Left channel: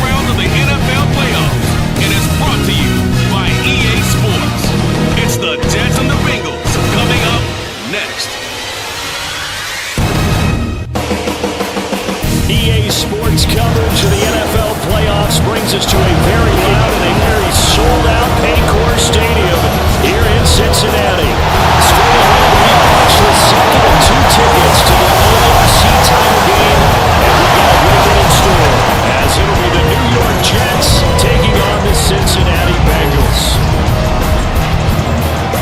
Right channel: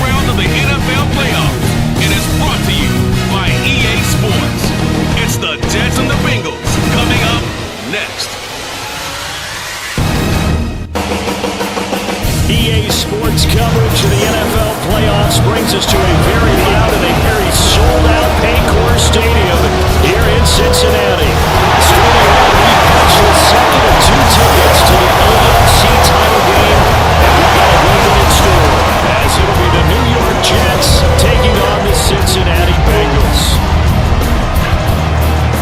round of the NFL playoffs, and it's brought to you by EA Sports. It's the Jets and the Bengals coming up next. EA Sports coverage of the NFL playoffs brings us to a very loud and a very sold-out Paycor Stadium here in Cincinnati. Straight ahead, we punch the second of two tickets to the AFC title game, and we've got a great one in store, as it'll be the New York Jets taking on the Cincinnati Bengals.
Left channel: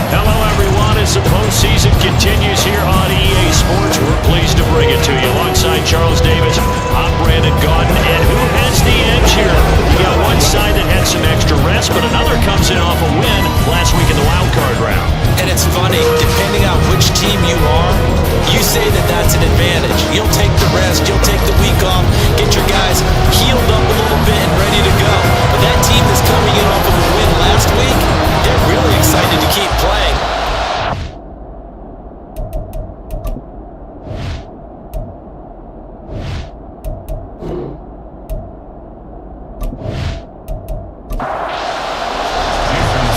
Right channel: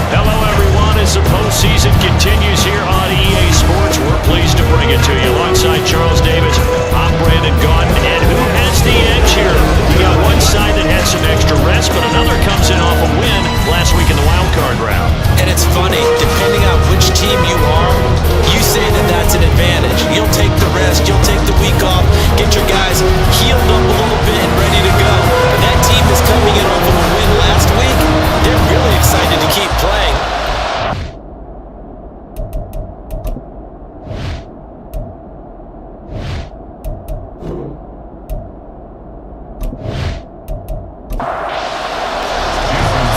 Hello, everyone. As the postseason continues here on EA Sports, we're pleased to bring it to you. Alongside Charles Davis, I'm Brandon Gaudin. And who has the edge here? You got one side that had some extra rest, but another comes in off a win last week in the wildcard round. And it's funny, depending on which team you are, you say that that's an advantage. You'll take the rest, you'll take the week off, get your guys healed up a little bit and ready to go. But that team that's coming in off of a win last week, they're really excited to keep playing.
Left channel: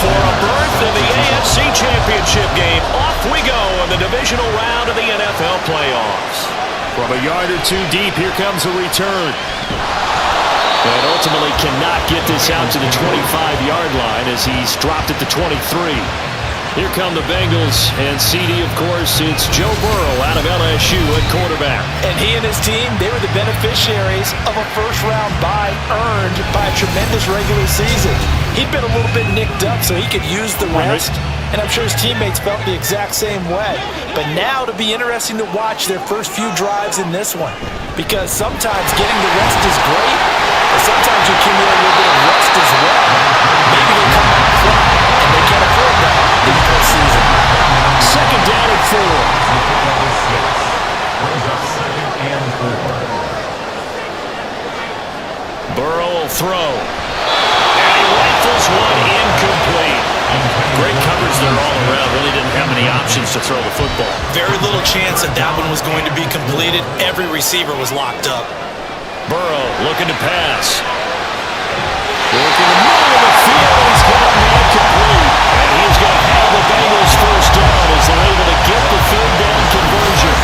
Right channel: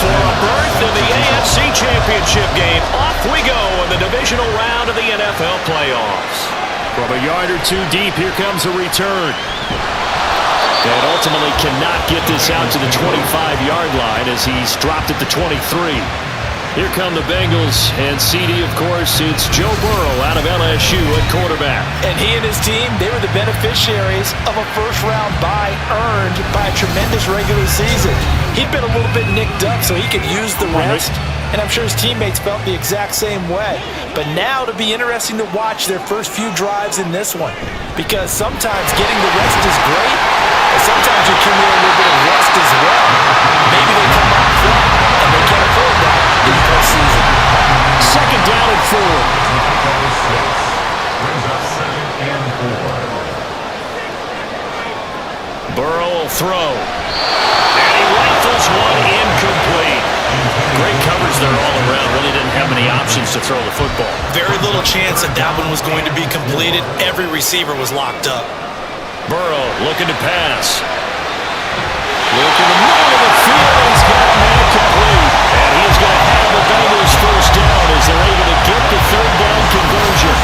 For a berth in the AFC Championship game, off we go in the divisional round of the NFL playoffs. From a yard or two deep, here comes a return. And ultimately cannot get this out to the 25-yard line as he's dropped at the 23. Here come the Bengals, and CD, of course, it's Joe Burrow out of LSU at quarterback. And he and his team, they were the beneficiaries of a first-round bye earned by a tremendous regular season. He'd been a little bit nicked up, so he could use the rest, and I'm sure his teammates felt the exact same way. But now it'll be interesting to watch their first few drives in this one, because sometimes getting the rest is great, but sometimes you accumulate a little bit of rest as well. Maybe they come out flat, and they can't afford that in the postseason. Second down and 4. Brings up 2nd and 4. Burrow will throw. And he rifles one incomplete. Great coverage there all around. Really didn't have many options to throw the football. Very little chance that that one was going to be completed. Every receiver was locked up. Burrow looking to pass. Look in the middle of the field, and he's got a man complete. And he's going to have the Bengals first down as they're able to get the third down conversion.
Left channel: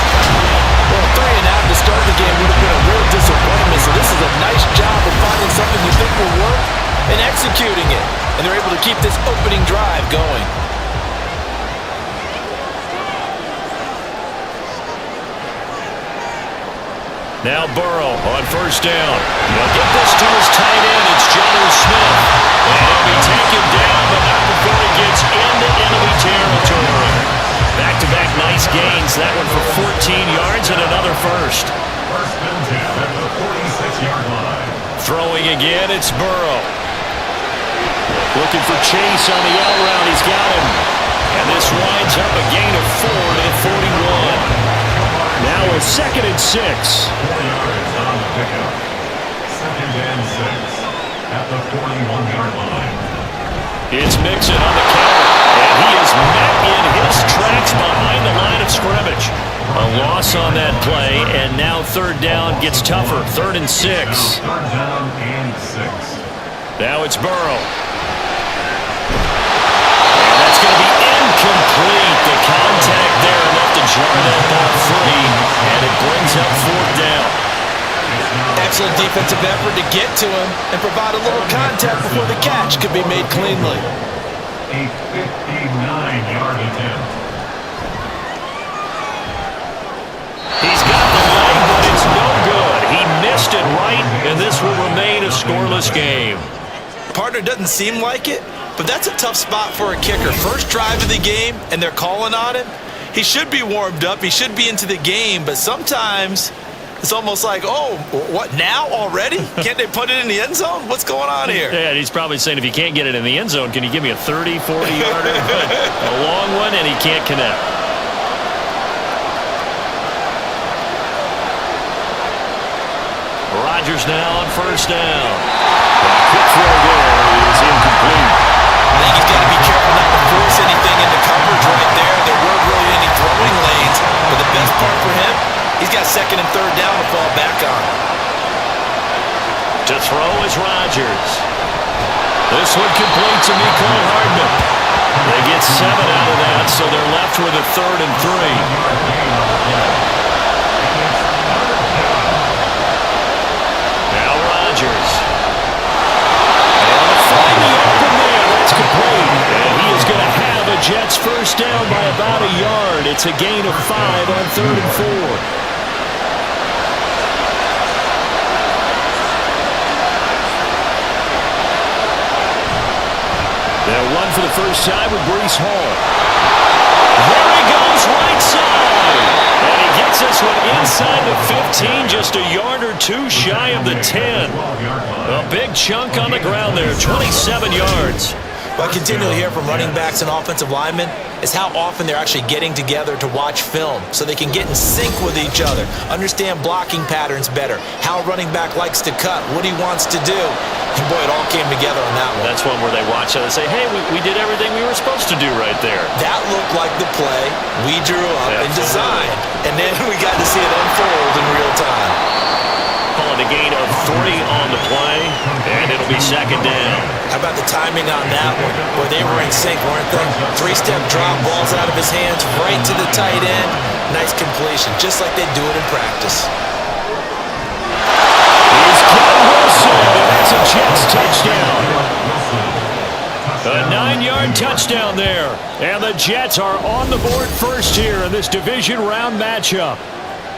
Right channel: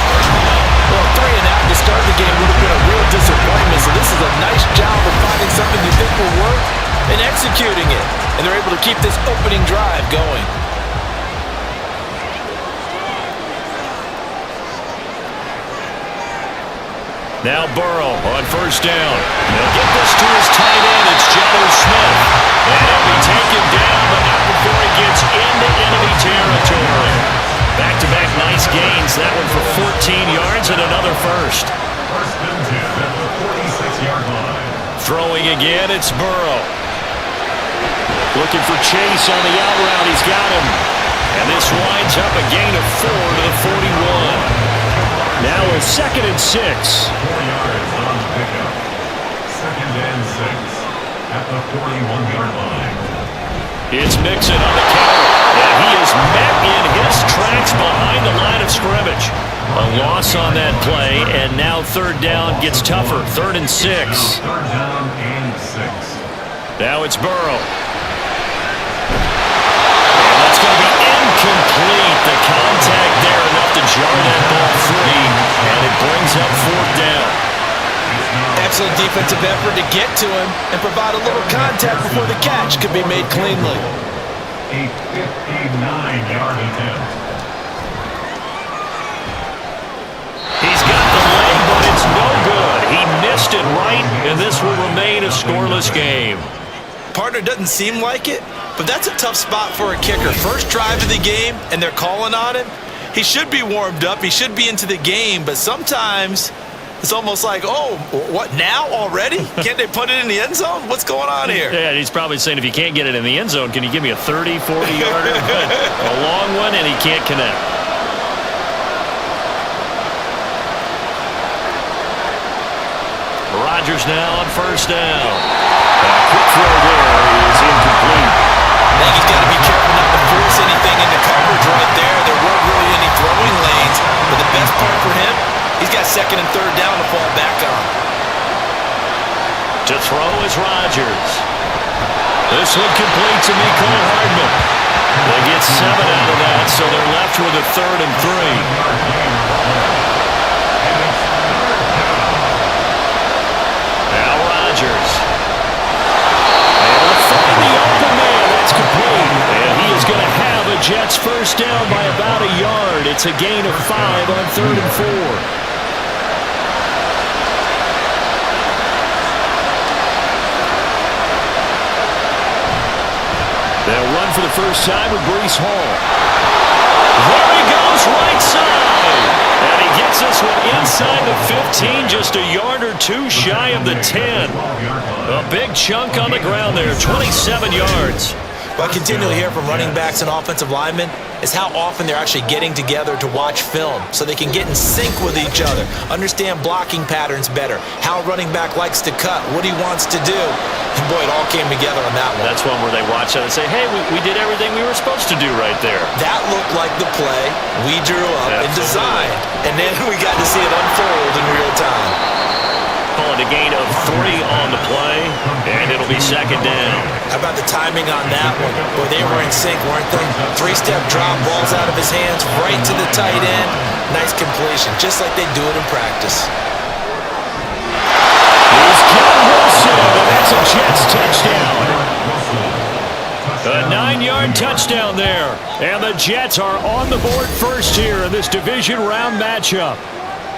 Well, 3 and out to start the game would have been a real disappointment, so this is a nice job of finding something you think will work and executing it. And they're able to keep this opening drive going. Now Burrow on first down. They'll get this to his tight end. It's Jonnu Smith. And he'll be taken down, but not before he gets into enemy territory. Back-to-back nice gains. That one for 14 yards and another first. First and 10 at the 46-yard line. Throwing again, it's Burrow. Looking for Chase on the out route. He's got him. And this winds up a gain of 4 to the 41. Now a 2nd and 6. 4 yards on the pickup. 2nd and 6 at the 41-yard line. It's Mixon on the counter, and he is met in his tracks behind the line of scrimmage. A loss on that play, and now third down gets tougher. 3rd and 6. Third down and 6. Now it's Burrow. And that's going to be incomplete. The contact there enough to jar that ball free, and it brings up 4th down. Excellent defensive effort to get to him and provide a little contact before the catch could be made cleanly. A 59-yard attempt. He's got the leg, but it's no good. He missed it right, and this will remain a scoreless game. Partner doesn't seem like it, but that's a tough spot for a kicker. First drive of the game, and they're calling on him. He should be warmed up. He should be into the game, but sometimes it's almost like, oh, what, now already? Can't they put it in the end zone? What's going on here? Yeah, he's probably saying, if you can't get it in the end zone, can you give me a 30, 40-yarder? A long one, and he can't connect. Rodgers now on first down. A quick throw there is incomplete. I think he's got to be careful not to force anything into coverage right there. There weren't really any throwing lanes, but the best part for him, he's got 2nd and 3rd down to fall back on. To throw is Rodgers. This one complete to Mecole Hardman. They get 7 out of that, so they're left with a 3rd and 3. Now Rodgers. Able to find the open man. That's complete. And he is going to have a Jets first down by about a yard. It's a gain of 5 on 3rd and 4. They'll run for the first time with Breece Hall. There he goes, right side. And he gets this one inside the 15, just a yard or 2 shy of the 10. A big chunk on the ground there, 27 yards. What I continually hear from running backs and offensive linemen is how often they're actually getting together to watch film so they can get in sync with each other, understand blocking patterns better, how a running back likes to cut, what he wants to do. And boy, it all came together on that one. That's one where they watch it and say, hey, we did everything we were supposed to do right there. That looked like the play we drew up and designed. And then we got to see it unfold in real time. Calling a gain of 3 on the play, and it'll be 2nd down. How about the timing on that one? Boy, they were in sync, weren't they? 3-step drop, balls out of his hands, right to the tight end. Nice completion, just like they do it in practice. He's got Wilson, and that's a Jets touchdown. A 9-yard touchdown there. And the Jets are on the board first here in this division round matchup.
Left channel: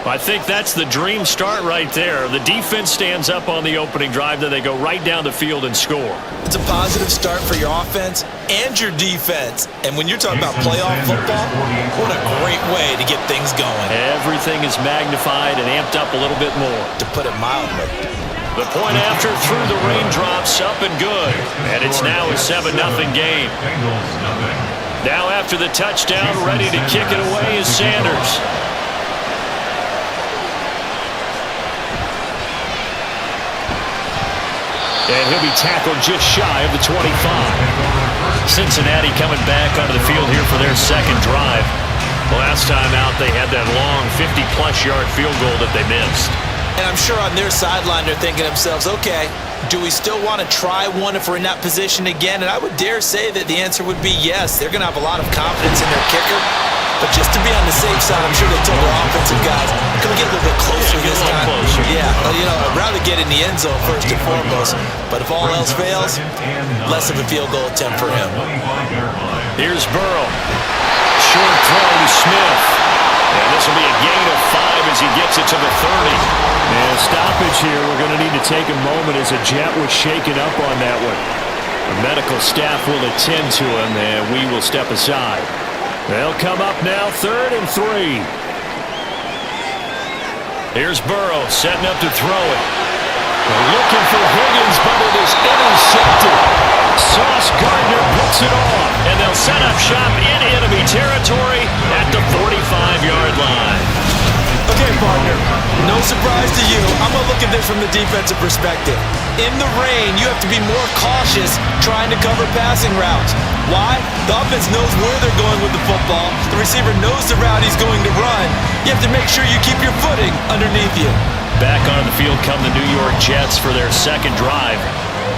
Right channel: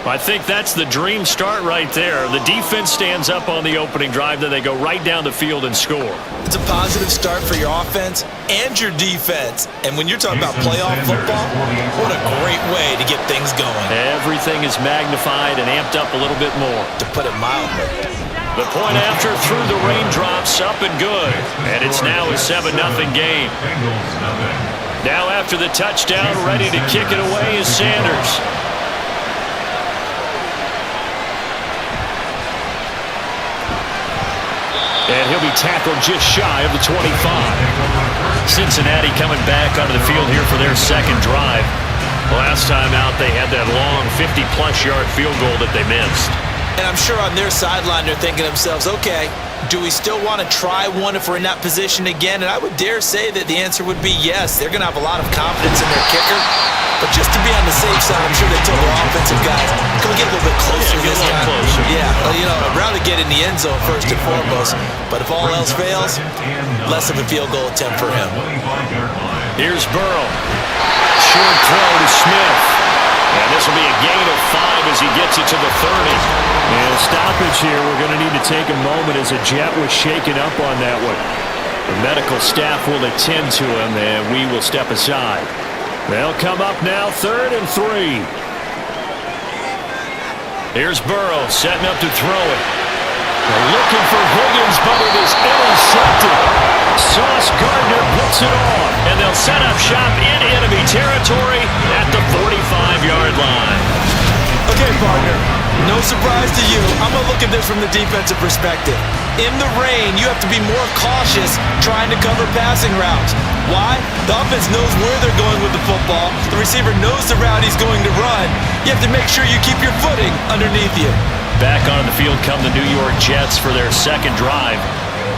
I think that's the dream start right there. The defense stands up on the opening drive, then they go right down the field and score. It's a positive start for your offense and your defense. And when you're talking about playoff football, what a great way to get things going. Everything is magnified and amped up a little bit more. To put it mildly. The point after through the raindrops, up and good. And it's now a 7-0 game. Now after the touchdown, ready to kick it away is Sanders. And he'll be tackled just shy of the 25. Cincinnati coming back onto the field here for their second drive. Last time out, they had that long 50-plus yard field goal that they missed. And I'm sure on their sideline, they're thinking to themselves, okay, do we still want to try one if we're in that position again? And I would dare say that the answer would be yes. They're going to have a lot of confidence in their kicker. But just to be on the safe side, I'm sure they told their offensive guys, can we get a little bit closer this time? Closer. Yeah, you know, I'd rather get in the end zone first and foremost. But if all else fails, less of a field goal attempt for him. Here's Burrow. Short throw to Smith. And this will be a gain of 5 as he gets it to the 30. And a stoppage here. We're going to need to take a moment as a Jet was shaken up on that one. The medical staff will attend to him, and we will step aside. They'll come up now, 3rd and 3. Here's Burrow setting up to throw it. They're looking for Higgins, but it is intercepted. Sauce Gardner picks it off, and they'll set up shop in enemy territory at the 45-yard line. Okay, partner, no surprise to you. I'm going to look at this from the defensive perspective. In the rain, you have to be more cautious trying to cover passing routes. Why? The offense knows where they're going with the football. The receiver knows the route he's going to run. You have to make sure you keep your footing underneath you. Back on the field come the New York Jets for their second drive.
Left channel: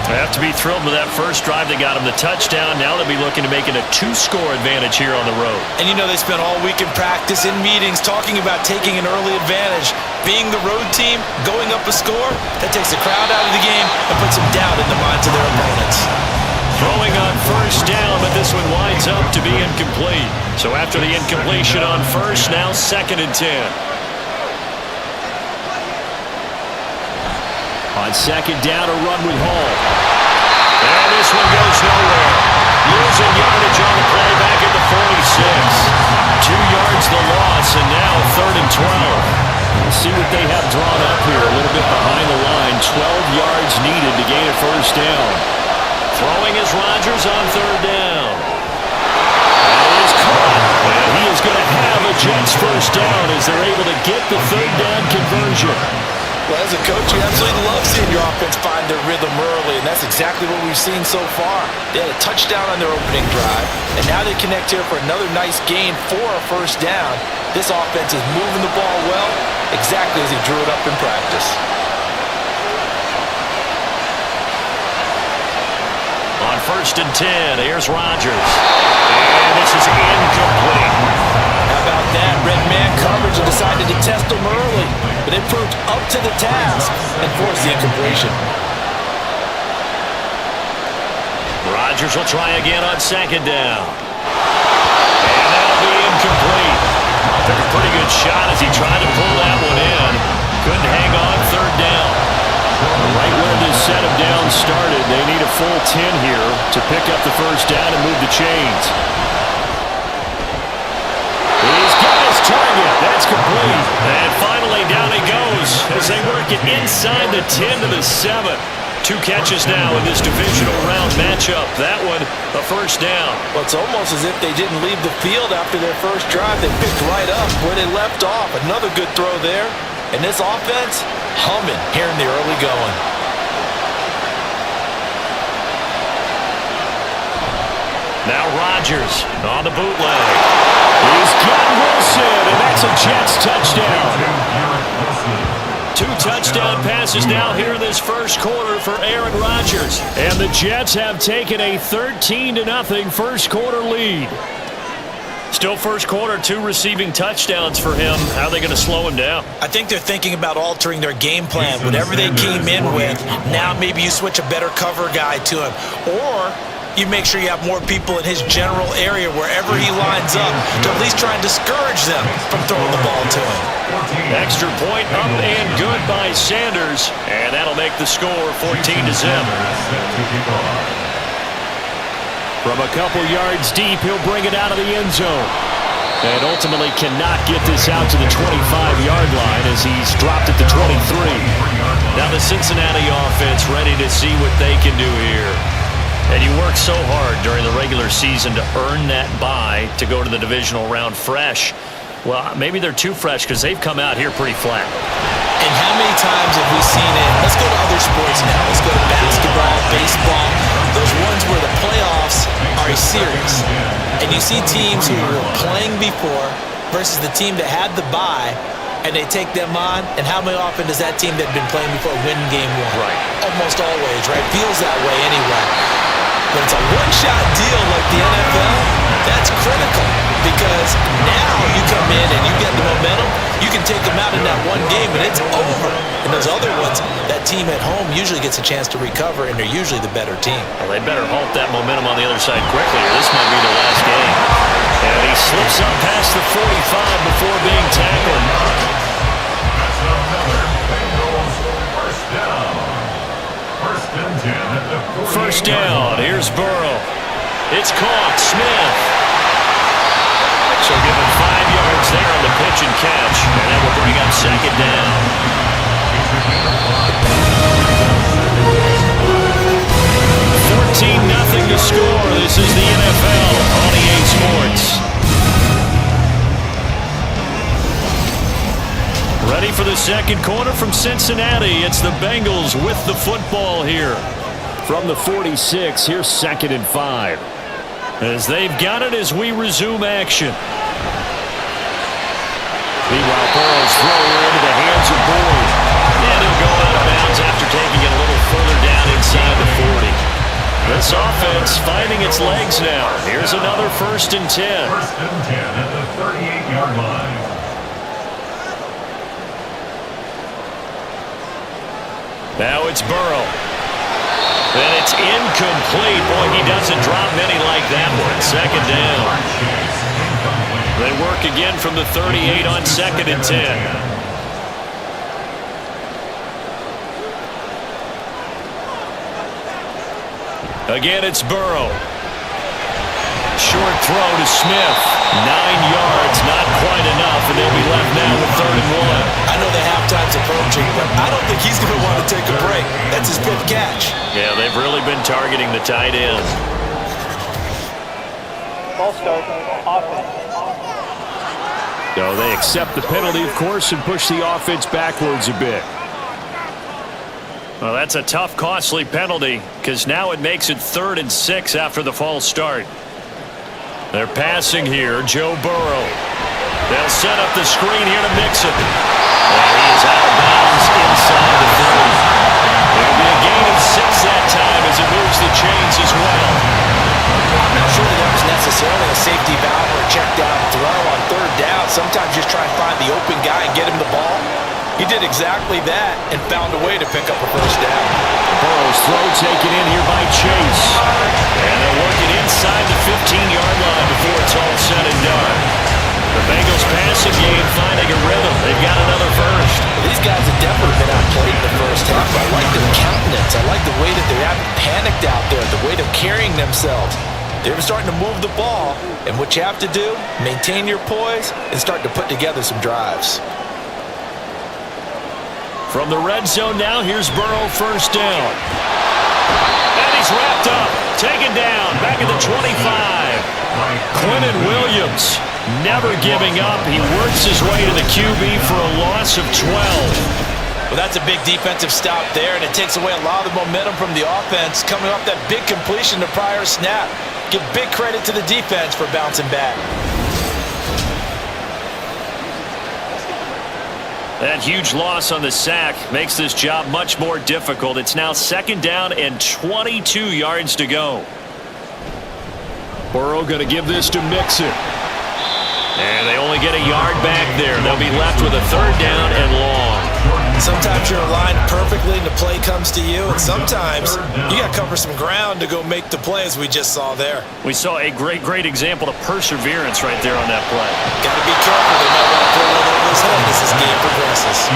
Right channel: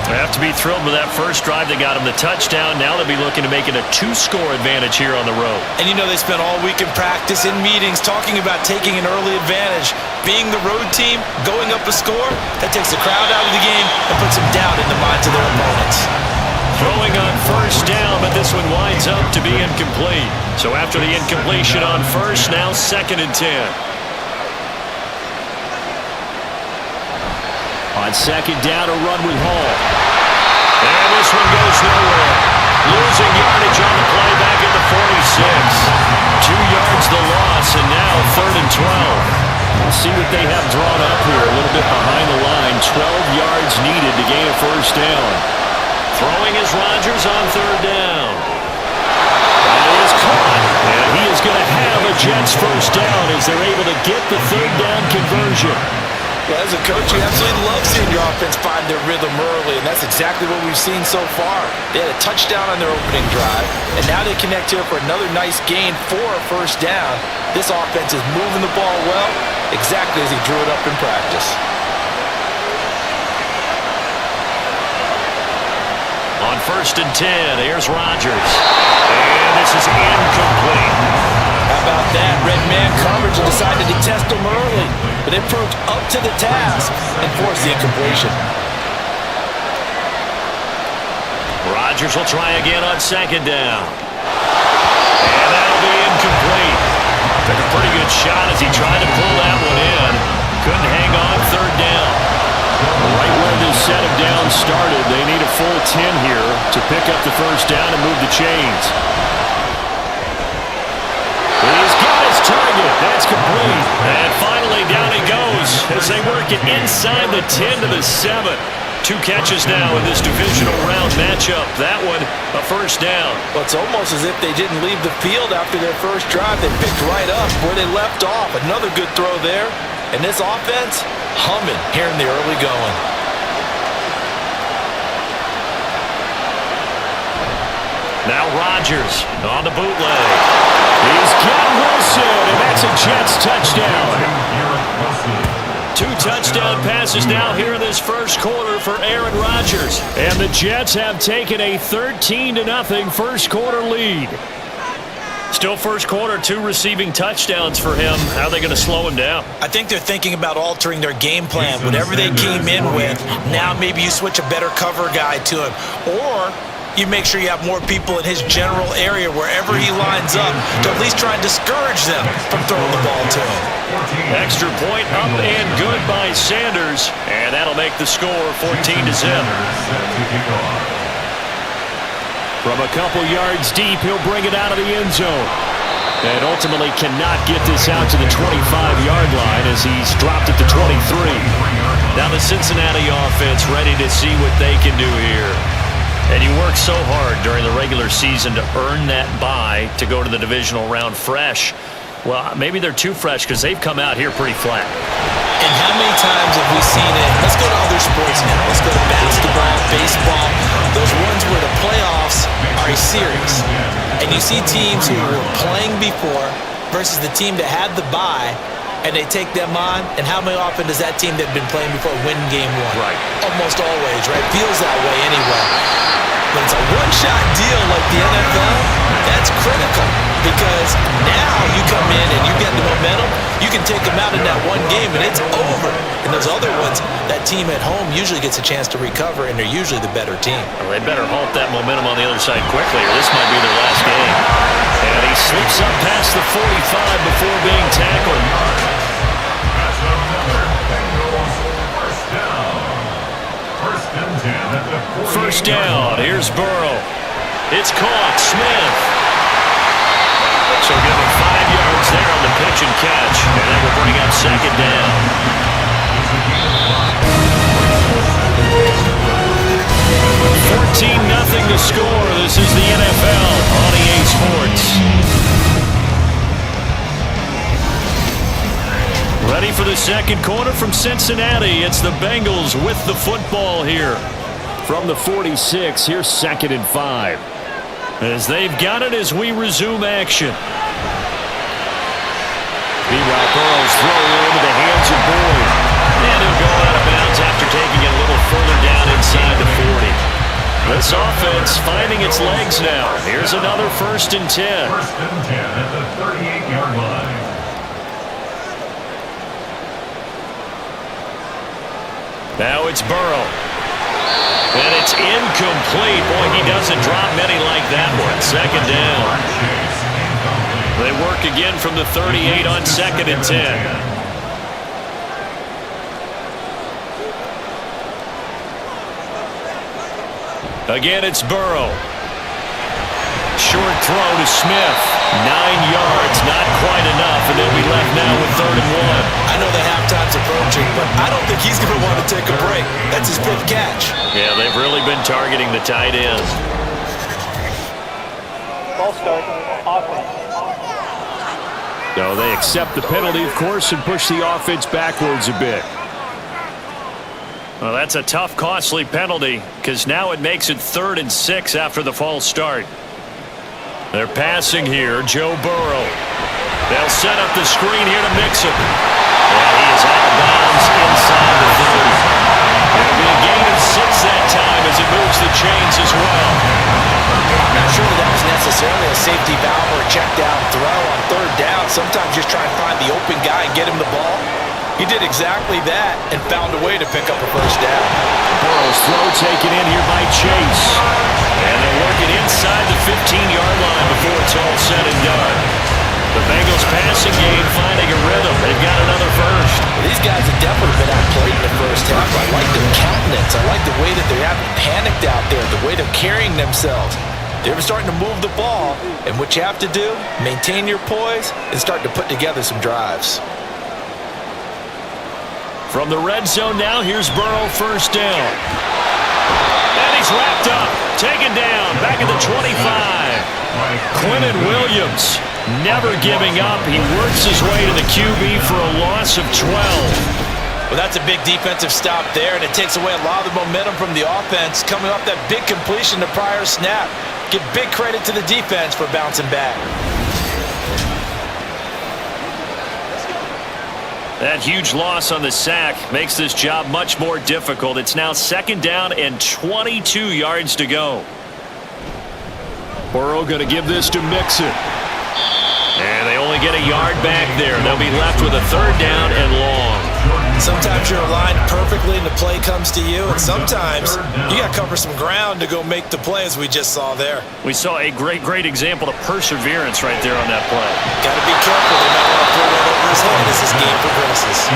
They have to be thrilled with that first drive. They got him the touchdown. Now they'll be looking to make it a 2-score advantage here on the road. And you know they spent all week in practice, in meetings, talking about taking an early advantage. Being the road team, going up a score, that takes the crowd out of the game and puts some doubt in the minds of their opponents. Throwing on first down, but this one winds up to be incomplete. So after the incompletion on first, now 2nd and 10. On 2nd down, a run with Hall. And this one goes nowhere. Losing yardage on the play back at the 46. 2 yards the loss, and now 3rd and 12. Let's see what they have drawn up here. A little bit behind the line. 12 yards needed to gain a first down. Throwing is Rodgers on 3rd down. That is caught. And he is going to have a Jets first down as they're able to get the 3rd down conversion. Well, as a coach, you absolutely love seeing your offense find their rhythm early, and that's exactly what we've seen so far. They had a touchdown on their opening drive, and now they connect here for another nice gain for a first down. This offense is moving the ball well, exactly as he drew it up in practice. On 1st and 10, here's Rodgers. And this is incomplete. How about that? Red man coverage and decided to test them early. But they proved up to the task and forced the incompletion. Rodgers will try again on 2nd down. And that'll be incomplete. Took a pretty good shot as he tried to pull that one in. Couldn't hang on 3rd down. Right where this set of downs started, they need a full 10 here to pick up the 1st down and move the chains. He's got his target. That's complete. And finally down he goes as they work it inside the 10 to the 7. 2 catches now in this divisional round matchup. That one, a 1st down. Well, it's almost as if they didn't leave the field after their first drive. They picked right up where they left off. Another good throw there. And this offense, humming here in the early going. Now Rodgers on the bootleg. He's got Wilson, and that's a Jets touchdown. 2 touchdown passes now here in this first quarter for Aaron Rodgers. And the Jets have taken a 13-0 first quarter lead. Still first quarter, 2 receiving touchdowns for him. How are they going to slow him down? I think they're thinking about altering their game plan. Whatever they came in with, now maybe you switch a better cover guy to him. Or you make sure you have more people in his general area wherever he lines up to at least try and discourage them from throwing the ball to him. Extra point up and good by Sanders. And that'll make the score 14-0. From a couple yards deep, he'll bring it out of the end zone. And ultimately cannot get this out to the 25-yard line as he's dropped it to 23. Now the Cincinnati offense ready to see what they can do here. And you work so hard during the regular season to earn that bye to go to the divisional round fresh. Well, maybe they're too fresh because they've come out here pretty flat. And how many times have we seen it? Let's go to other sports now. Let's go to basketball, baseball, those ones where the playoffs are a series. And you see teams who were playing before versus the team that had the bye, and they take them on. And how often does that team that had been playing before win game 1? Right. Almost always, right? Feels that way anyway. But it's a one-shot deal like the NFL. That's critical because now you come in and you get the momentum. You can take them out in that one game and it's over. And those other ones, that team at home usually gets a chance to recover, and they're usually the better team. Well, they better halt that momentum on the other side quickly, or this might be their last game. And he slips up past the 45 before being tackled. That's another Bengals 1st down. 1st and 10 at the 48. First down. Here's Burrow. It's caught. Smith. So give him 5 yards there on the pitch and catch, and that will bring up 2nd down. 14-0 to score. This is the NFL on EA Sports. Ready for the second quarter from Cincinnati. It's the Bengals with the football here. From the 46, here's 2nd and 5. As they've got it as we resume action. Meanwhile, Burrow's throw here into the hands of Boyd. And he'll go out of bounds after taking it a little further down inside the 40. This offense finding its legs now. Here's another 1st and 10. 1st and 10 at the 38-yard line. Now it's Burrow. And it's incomplete. Boy, he doesn't drop many like that one. 2nd down. They work again from the 38 on 2nd and 10. Again, it's Burrow. Short throw to Smith. 9 yards, not quite enough, and they'll be left now with 3rd and 1. I know the halftime's approaching, but I don't think he's going to want to take a break. That's his 5th catch. Yeah, they've really been targeting the tight end. Ball start, offense. So they accept the penalty, of course, and push the offense backwards a bit. Well, that's a tough, costly penalty because now it makes it 3rd and 6 after the false start. They're passing here, Joe Burrow. They'll set up the screen here to Mixon. And he is out of bounds inside the 30. It'll be a gain of 6 that time as it moves the the chains as well. I'm not sure that was necessarily a safety valve or a check down throw on third down. Sometimes just try and find the open guy and get him the ball. He did exactly that and found a way to pick up a first down. Burrow's throw taken in here by Chase. And they're working inside the 15-yard line before it's all said and done. The Bengals passing game finding a rhythm. They've got another first. Well, these guys have definitely been outplayed in the first half. I like their countenance. I like the way that they haven't panicked out there, the way they're carrying themselves. They're starting to move the ball, and what you have to do, maintain your poise and start to put together some drives. From the red zone now, here's Burrow, first down. And he's wrapped up, taken down, back at the 25. Quinnen Williams, never giving up. He works his way to the QB for a loss of 12. Well, that's a big defensive stop there, and it takes away a lot of the momentum from the offense coming off that big completion the prior snap. Give big credit to the defense for bouncing back. That huge loss on the sack makes this job much more difficult. It's now second down and 22 yards to go. Burrow going to give this to Mixon. And they only get a yard back there. They'll be left with a third down and long. Sometimes you're aligned perfectly and the play comes to you, and sometimes you got to cover some ground to go make the play, as we just saw there. We saw a great example of perseverance right there on that play. Got to be careful. They might want to throw one over his head as this game progresses.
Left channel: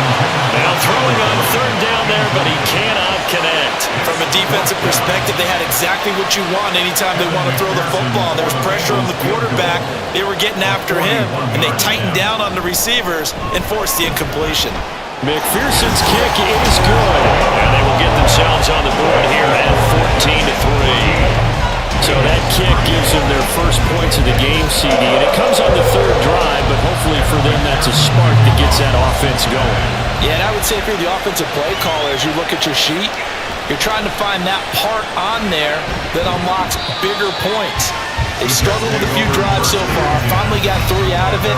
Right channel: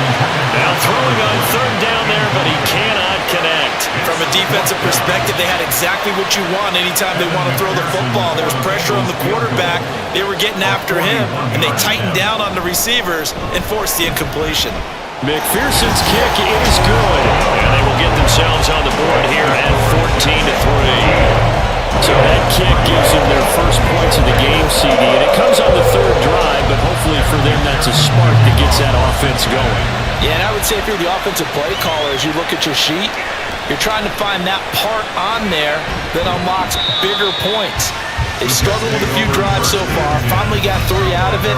Now throwing on third down there, but he cannot connect. From a defensive perspective, they had exactly what you want anytime they want to throw the football. There was pressure on the quarterback. They were getting after him, and they tightened down on the receivers and forced the incompletion. McPherson's kick is good, and they will get themselves on the board here at 14-3. So that kick gives them their first points of the game, CD, and it comes on the third drive, but hopefully for them that's a spark that gets that offense going. Yeah, and I would say if you're the offensive play caller, as you look at your sheet, you're trying to find that part on there that unlocks bigger points. They struggled with a few drives so far, finally got 3 out of it.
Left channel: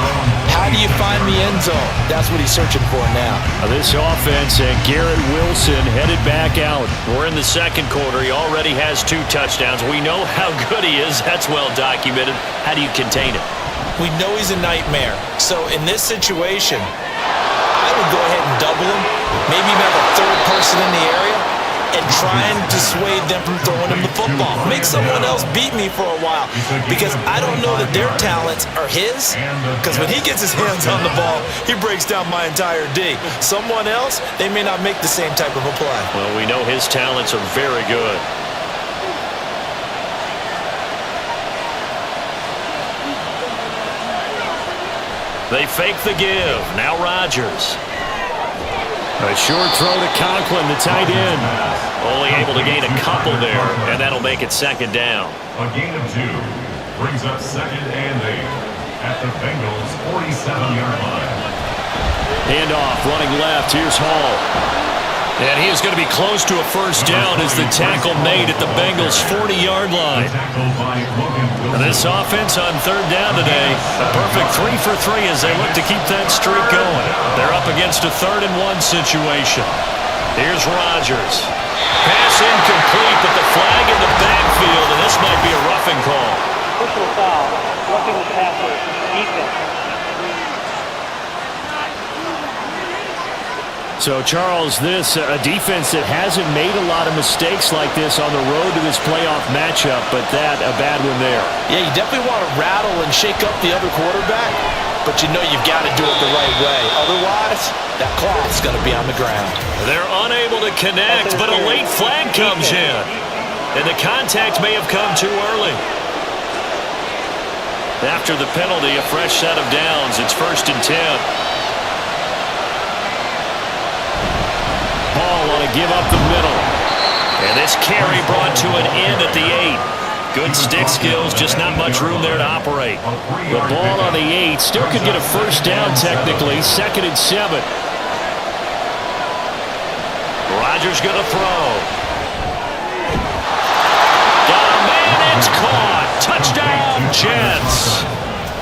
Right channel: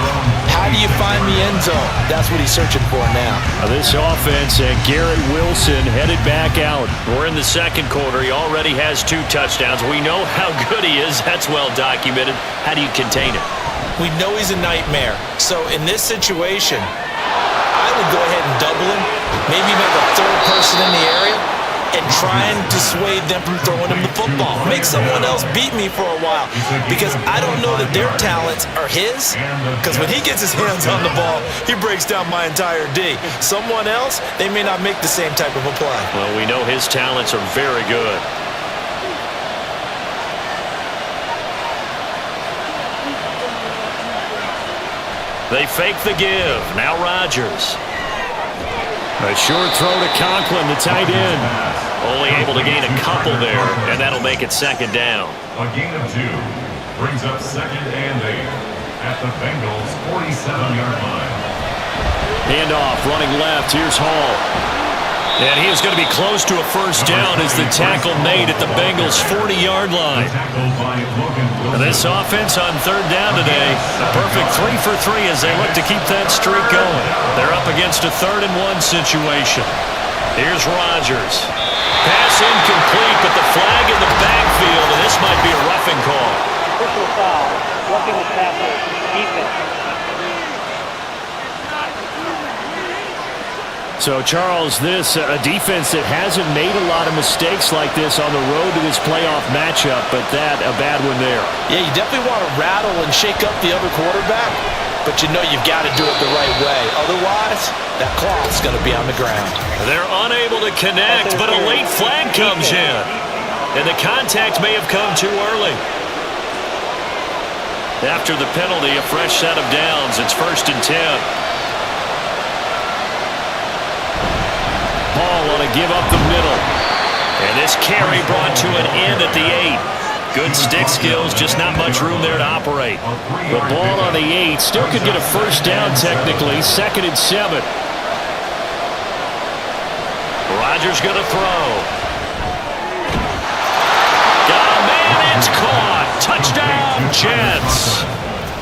How do you find the end zone? That's what he's searching for now. This offense and Garrett Wilson headed back out. We're in the second quarter. He already has 2 touchdowns. We know how good he is. That's well documented. How do you contain him? We know he's a nightmare. So in this situation, I would go ahead and double him. Maybe even have a third person in the area and try and dissuade them from throwing him the football. Make someone else beat me for a while, because I don't know that their talents are his, because when he gets his hands on the ball, he breaks down my entire D. Someone else, they may not make the same type of a play. Well, we know his talents are very good. They fake the give. Now Rodgers. A short throw to Conklin, the tight end. Only able to gain a couple there, and that'll make it second down. A gain of 2 brings up second and 8 at the Bengals' 47-yard line. Handoff, running left. Here's Hall. And he is going to be close to a first down as the tackle made at the Bengals' 40-yard line. And this offense on third down today, a perfect 3 for 3 as they look to keep that streak going. They're up against a 3rd and 1 situation. Here's Rodgers. Pass incomplete, but the flag in the backfield, and this might be a roughing call. Personal foul, roughing the passer, defense. So, Charles, this a defense that hasn't made a lot of mistakes like this on the road to this playoff matchup, but that a bad one there. Yeah, you definitely want to rattle and shake up the other quarterback, but you know you've got to do it the right way. Otherwise, that cloth's going to be on the ground. They're unable to connect, but a late flag comes in, and the contact may have come too early. After the penalty, a fresh set of downs. It's 1st and 10. Ball on a give up the middle. And this carry brought to an end at the 8. Good stick skills, just not much room there to operate. The ball on the 8 still could get a first down technically. 2nd and 7. Rodgers going to throw. Got a man, it's caught. Touchdown, Jets.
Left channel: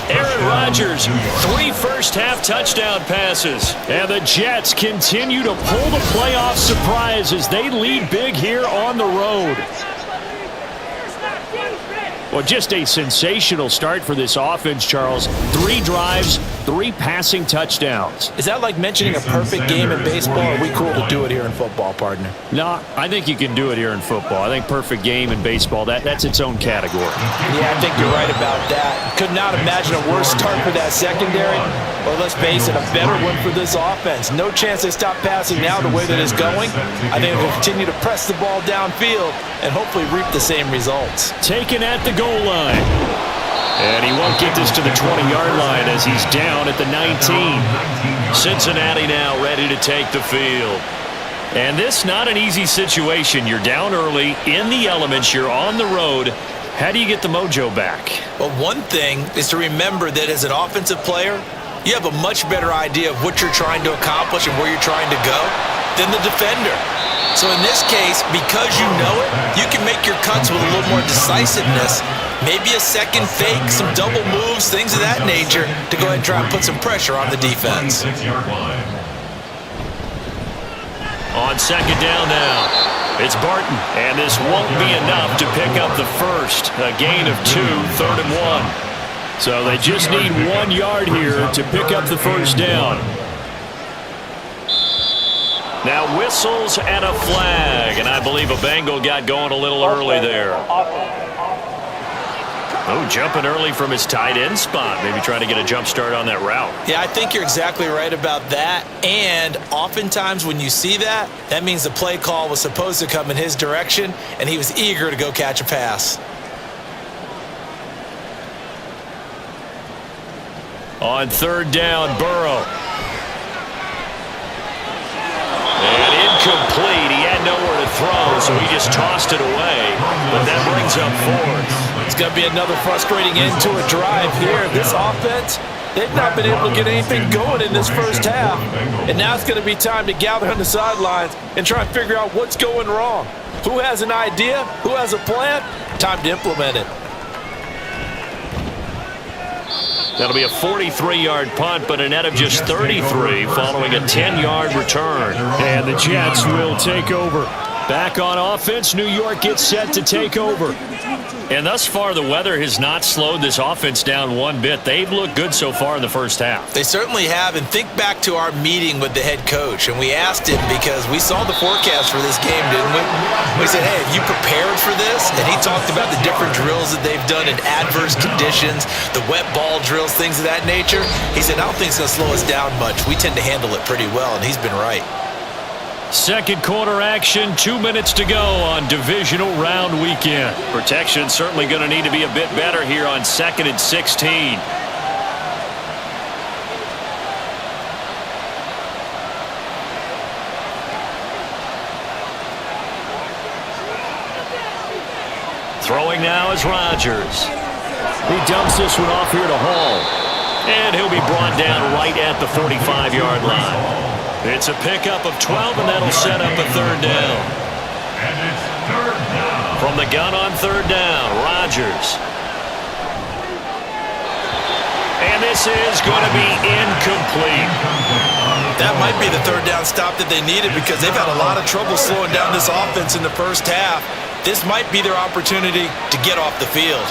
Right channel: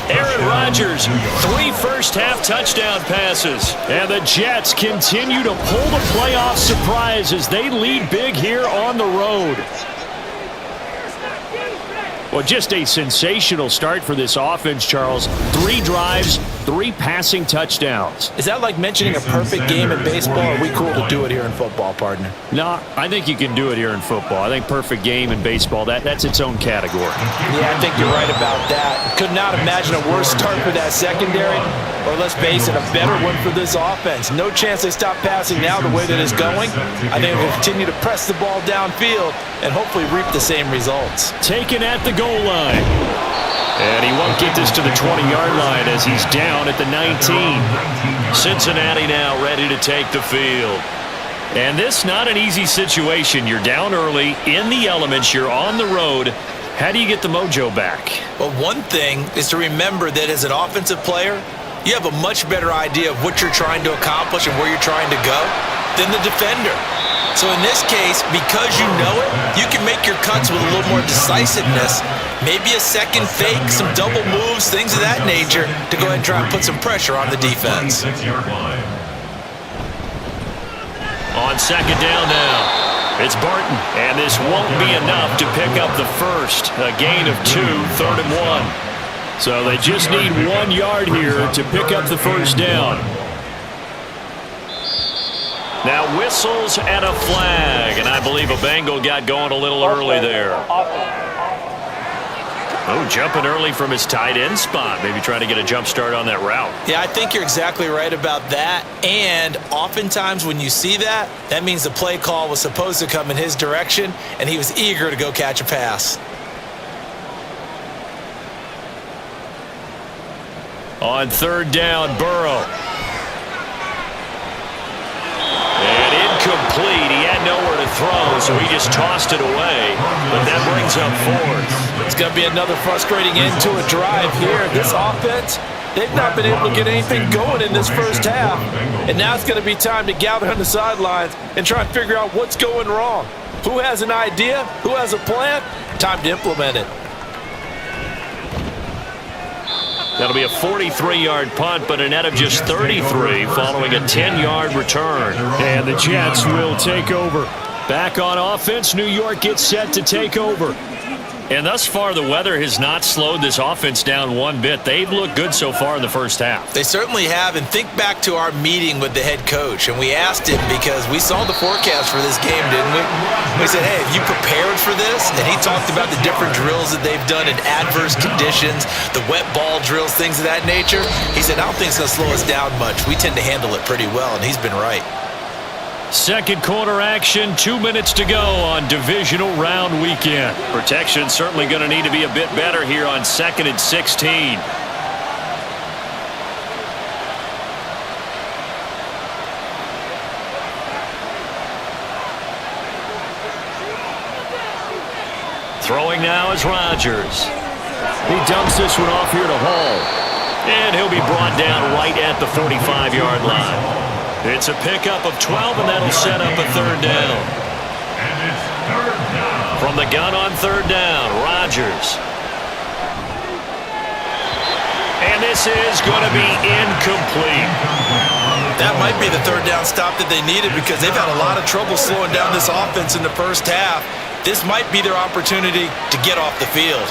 Aaron Rodgers, 3 first-half touchdown passes. And the Jets continue to pull the playoff surprise as they lead big here on the road. Well, just a sensational start for this offense, Charles. 3 drives, 3 passing touchdowns. Is that like mentioning a perfect game in baseball, or are we cool to do it here in football, partner? No, I think you can do it here in football. I think perfect game in baseball, that's its own category. Yeah, I think you're right about that. Could not imagine a worse start for that secondary, or let's face it, a better one for this offense. No chance they stop passing now the way that it's going. I think they'll continue to press the ball downfield and hopefully reap the same results. Taken at the goal line. And he won't get this to the 20-yard line as he's down at the 19. Cincinnati now ready to take the field. And this not an easy situation. You're down early, in the elements, you're on the road. How do you get the mojo back? Well, one thing is to remember that as an offensive player, you have a much better idea of what you're trying to accomplish and where you're trying to go than the defender. So in this case, because you know it, you can make your cuts with a little more decisiveness. Maybe a second fake, some double moves, things of that nature to go ahead and try and put some pressure on the defense. On second down now, it's Barton. And this won't be enough to pick up the first. A gain of 2, 3rd and 1. So they just need 1 yard here to pick up the first down. Now whistles and a flag, and I believe a Bengal got going a little early there. Oh, jumping early from his tight end spot, maybe trying to get a jump start on that route. Yeah, I think you're exactly right about that, and oftentimes when you see that, that means the play call was supposed to come in his direction, and he was eager to go catch a pass. On 3rd down, Burrow. And incomplete. He had nowhere to throw, so he just tossed it away. But that brings up 4th. It's going to be another frustrating end to a drive here. This offense, they've not been able to get anything going in this first half. And now it's going to be time to gather on the sidelines and try and figure out what's going wrong. Who has an idea? Who has a plan? Time to implement it. That'll be a 43-yard punt, but a net of just 33 following a 10-yard return. And the Jets will take over. Back on offense, New York gets set to take over. And thus far, the weather has not slowed this offense down one bit. They've looked good so far in the first half. They certainly have, and think back to our meeting with the head coach, and we asked him because we saw the forecast for this game, didn't we? We said, hey, have you prepared for this? And he talked about the different drills that they've done in adverse conditions, the wet ball drills, things of that nature. He said, I don't think it's going to slow us down much. We tend to handle it pretty well, and he's been right. Second quarter action, 2 minutes to go on divisional round weekend. Protection certainly going to need to be a bit better here on 2nd and 16. Throwing now is Rodgers. He dumps this one off here to Hall. And he'll be brought down right at the 45-yard line. It's a pickup of 12, and that'll set up a 3rd down. And it's 3rd down. From the gun on 3rd down, Rodgers. And this is going to be incomplete. That might be the 3rd down stop that they needed because they've had a lot of trouble slowing down this offense in the first half. This might be their opportunity to get off the field.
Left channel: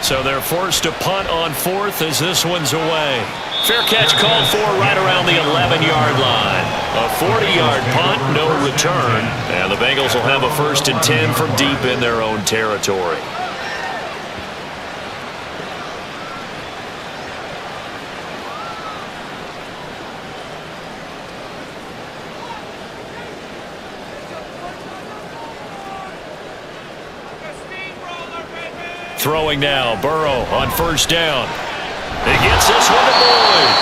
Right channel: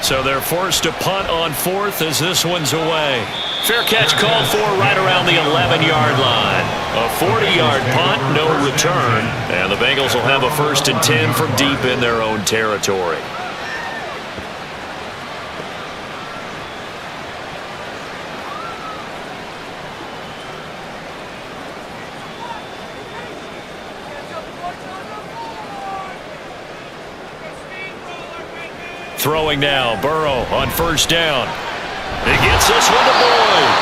So they're forced to punt on 4th as this one's away. Fair catch called for right around the 11-yard line. A 40-yard punt, no return. And the Bengals will have a 1st and 10 from deep in their own territory. Throwing now, Burrow on 1st down. He gets this one to Boyd.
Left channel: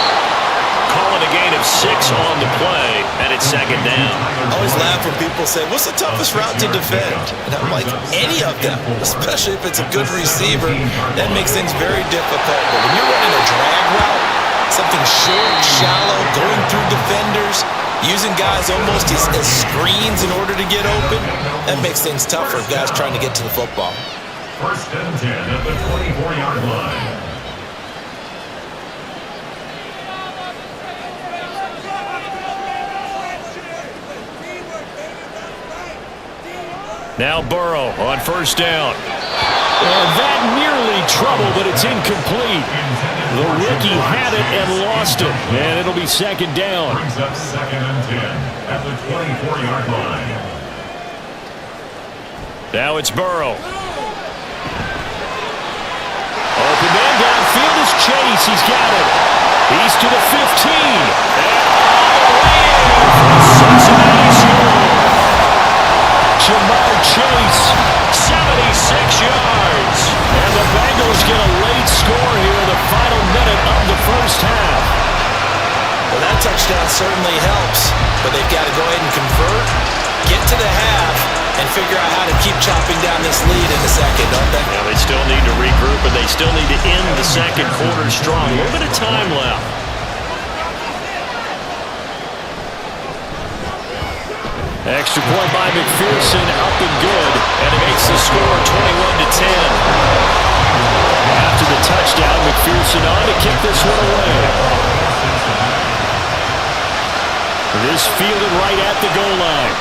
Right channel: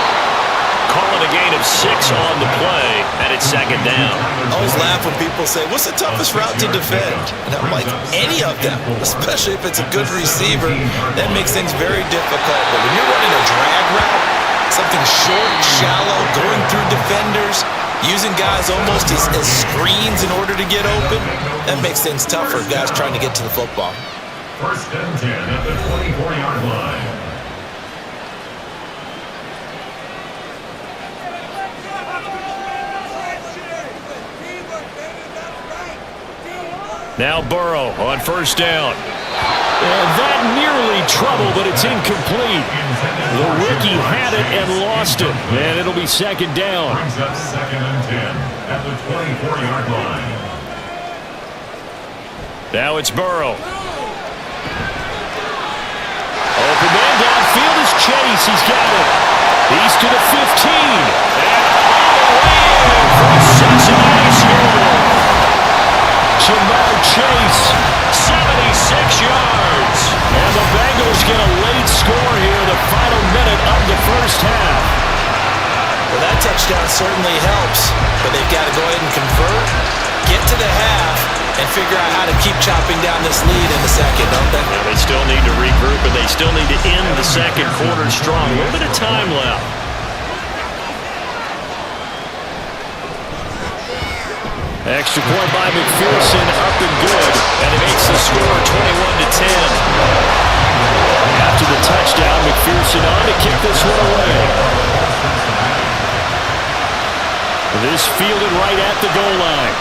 Calling a gain of 6 on the play, and it's 2nd down. I always laugh when people say, what's the toughest route to defend? And I'm like, any of them, especially if it's a good receiver, that makes things very difficult. But when you're running a drag route, something short, shallow, going through defenders, using guys almost as screens in order to get open, that makes things tough for guys trying to get to the football. 1st and 10 at the 24-yard line. Now Burrow on first down. And that nearly trouble, but it's incomplete. The rookie had it and lost it. And it'll be second down. Brings up 2nd and 10 at the 24-yard line. Now it's Burrow. Open man downfield is Chase. He's got it. He's to the 15. And all the way in for a Cincinnati score. Jamar Chase, 76 yards. And the Bengals get a late score here, the final minute of the first half. Well, that touchdown certainly helps, but they've got to go ahead and convert, get to the half, and figure out how to keep chopping down this lead in the second, don't they? Now they still need to regroup, and they still need to end the second quarter strong. A little bit of time left. Extra point by McPherson, up and good, and it makes the score 21-10. After the touchdown, McPherson on to kick this one away. This fielded right at the goal line.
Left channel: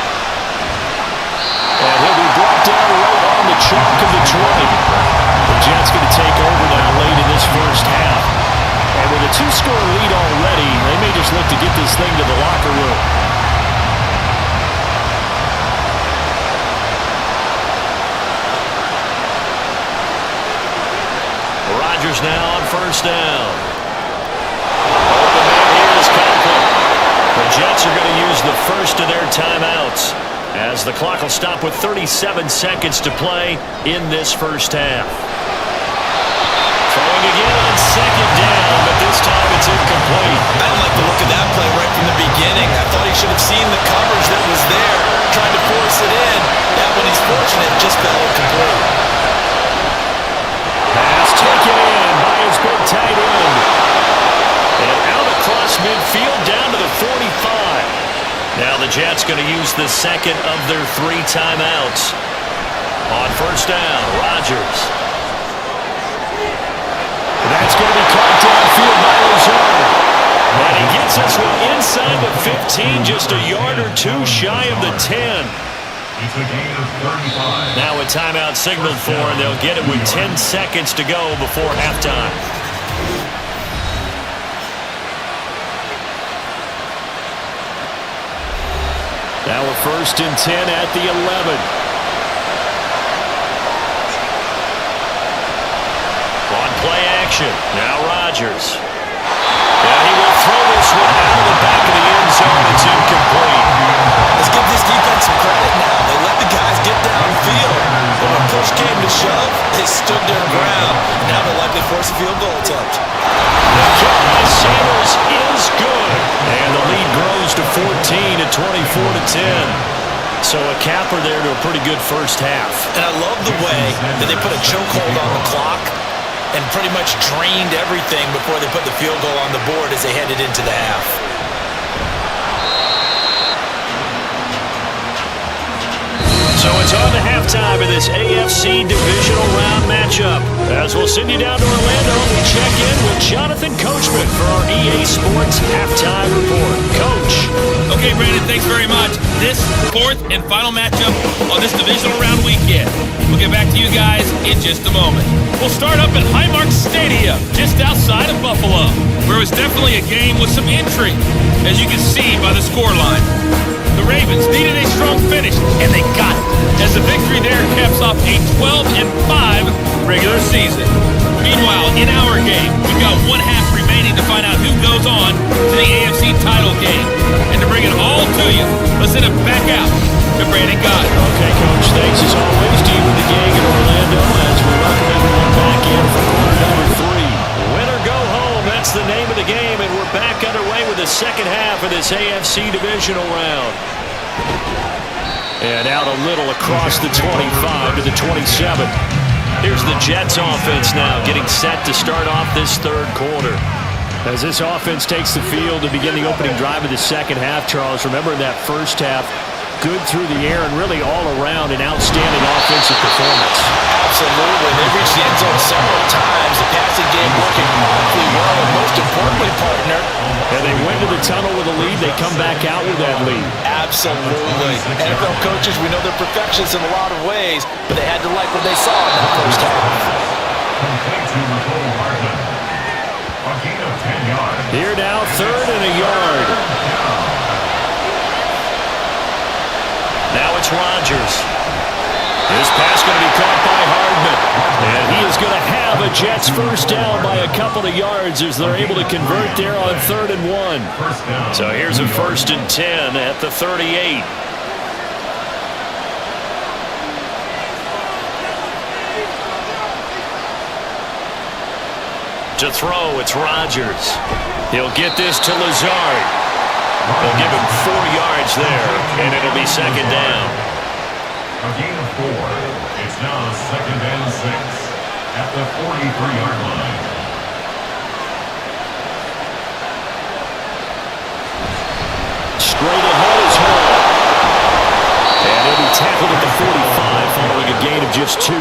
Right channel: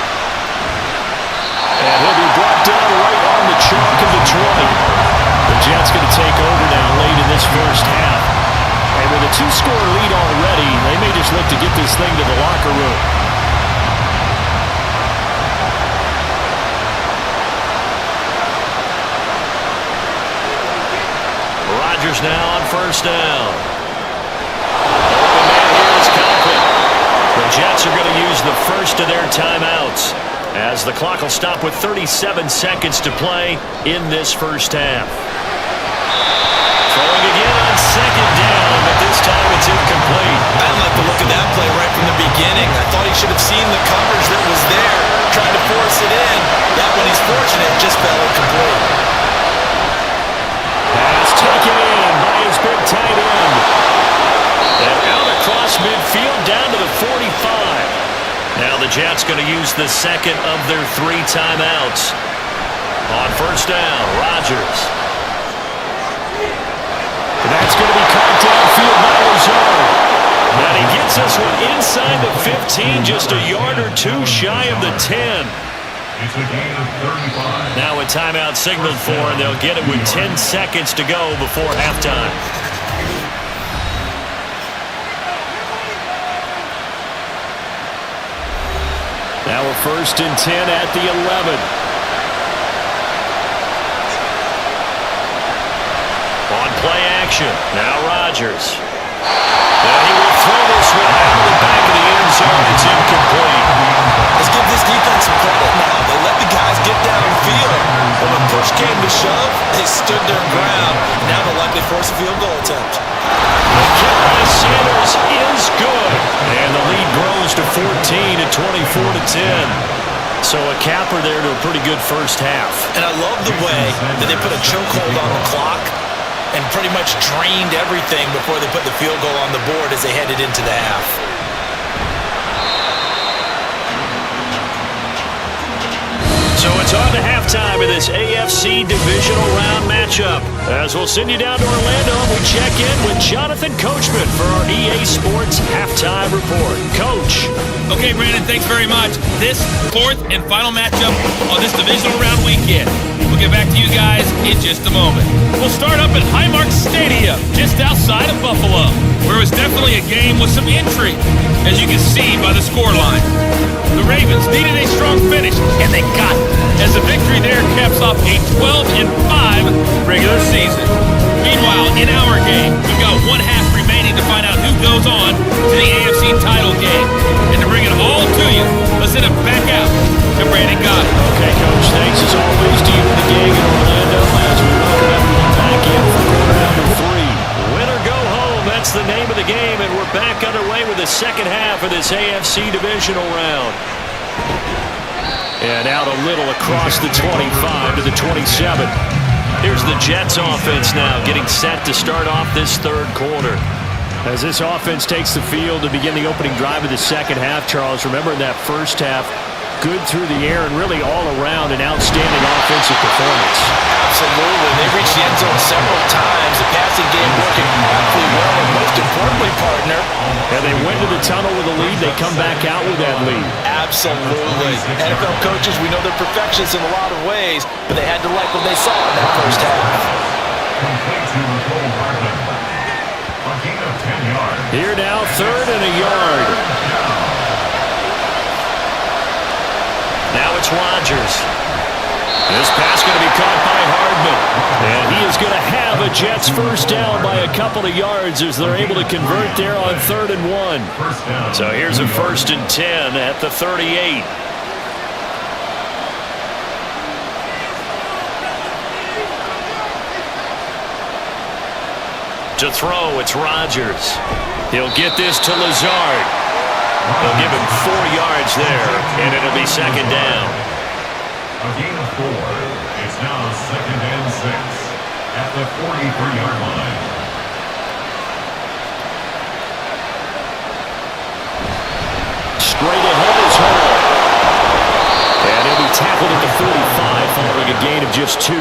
And he'll be brought down right on the chalk of the 20. The Jets going to take over now late in this first half. And with a 2-score lead already, they may just look to get this thing to the locker room. Rodgers now on first down. Open man here is Conklin. The Jets are going to use the first of their timeouts, as the clock will stop with 37 seconds to play in this first half. Throwing again on second down, but this time it's incomplete. I didn't like the look of that play right from the beginning. I thought he should have seen the coverage that was there, tried to force it in. That one, he's fortunate, just fell incomplete. Pass taken in by his big tight end. And out across midfield down to the 45. Now the Jets going to use the second of their 3 timeouts. On first down, Rodgers. That's going to be caught downfield by Lazard. And he gets this one inside the 15, just a yard or 2 shy of the 10. It's a gain of 35. Now a timeout signaled for, and they'll get it with 10 seconds to go before halftime. Now a 1st and 10 at the 11. On play action, now Rodgers. And he will throw this one out of the back of the end zone. It's incomplete. Let's give this defense some credit now. They let the guys get downfield. But when push came to shove, they stood their ground. Now they'll likely force a field goal attempt. The kick by Sanders is good. And the lead grows to 14 at 24-10. So a capper there to a pretty good first half. And I love the way that they put a chokehold on the clock and pretty much drained everything before they put the field goal on the board as they headed into the half. So it's on to halftime of this AFC Divisional Round matchup. As we'll send you down to Orlando, and we check in with Jonathan Coachman for our EA Sports Halftime Report. Coach. Okay, Brandon, thanks very much. This 4th and final matchup on this Divisional Round weekend. We'll get back to you guys in just a moment. We'll start up at Highmark Stadium, just outside of Buffalo, where it was definitely a game with some intrigue, as you can see by the scoreline. The Ravens needed a strong finish, and they got it, as the victory there caps off a 12-5 regular season. Meanwhile, in our game, we've got 1 half remaining to find out who goes on to the AFC title game. And to bring it all to you, let's send it back out to Brandon Gott. Okay, Coach, thanks as always to you and the gang in Orlando as we welcome everyone back in for quarter number 3. Win or go home, that's the name of the game, and we're back underway with the second half of this AFC Divisional Round. And out a little across the 25 to the 27. Here's the Jets offense now getting set to start off this third quarter. As this offense takes the field to begin the opening drive of the second half, Charles, remember in that first half, good through the air and really all around an outstanding offensive performance. Absolutely. They reached the end zone several times. The passing game working awfully well, and most importantly, partner. And they went to the tunnel with a lead. They come back out with that lead. Absolutely. NFL coaches, we know they're perfectionists in a lot of ways, but they had to like what they saw in that first half. Complete to Nicole Hardman. A gain of 10 yards. Here now, 3rd and a yard. Now it's Rodgers. This pass going to be caught by Hardman. And he is going to have a Jets first down by a couple of yards as they're able to convert there on 3rd and 1. So here's a 1st and 10 at the 38. To throw, it's Rodgers. He'll get this to Lazard. They'll give him 4 yards there, and it'll be 2nd down. A gain of 4. It's now 2nd and 6 at the 43-yard line. Straight ahead is Hall. And he'll be tackled at the 45 following a gain of just 2.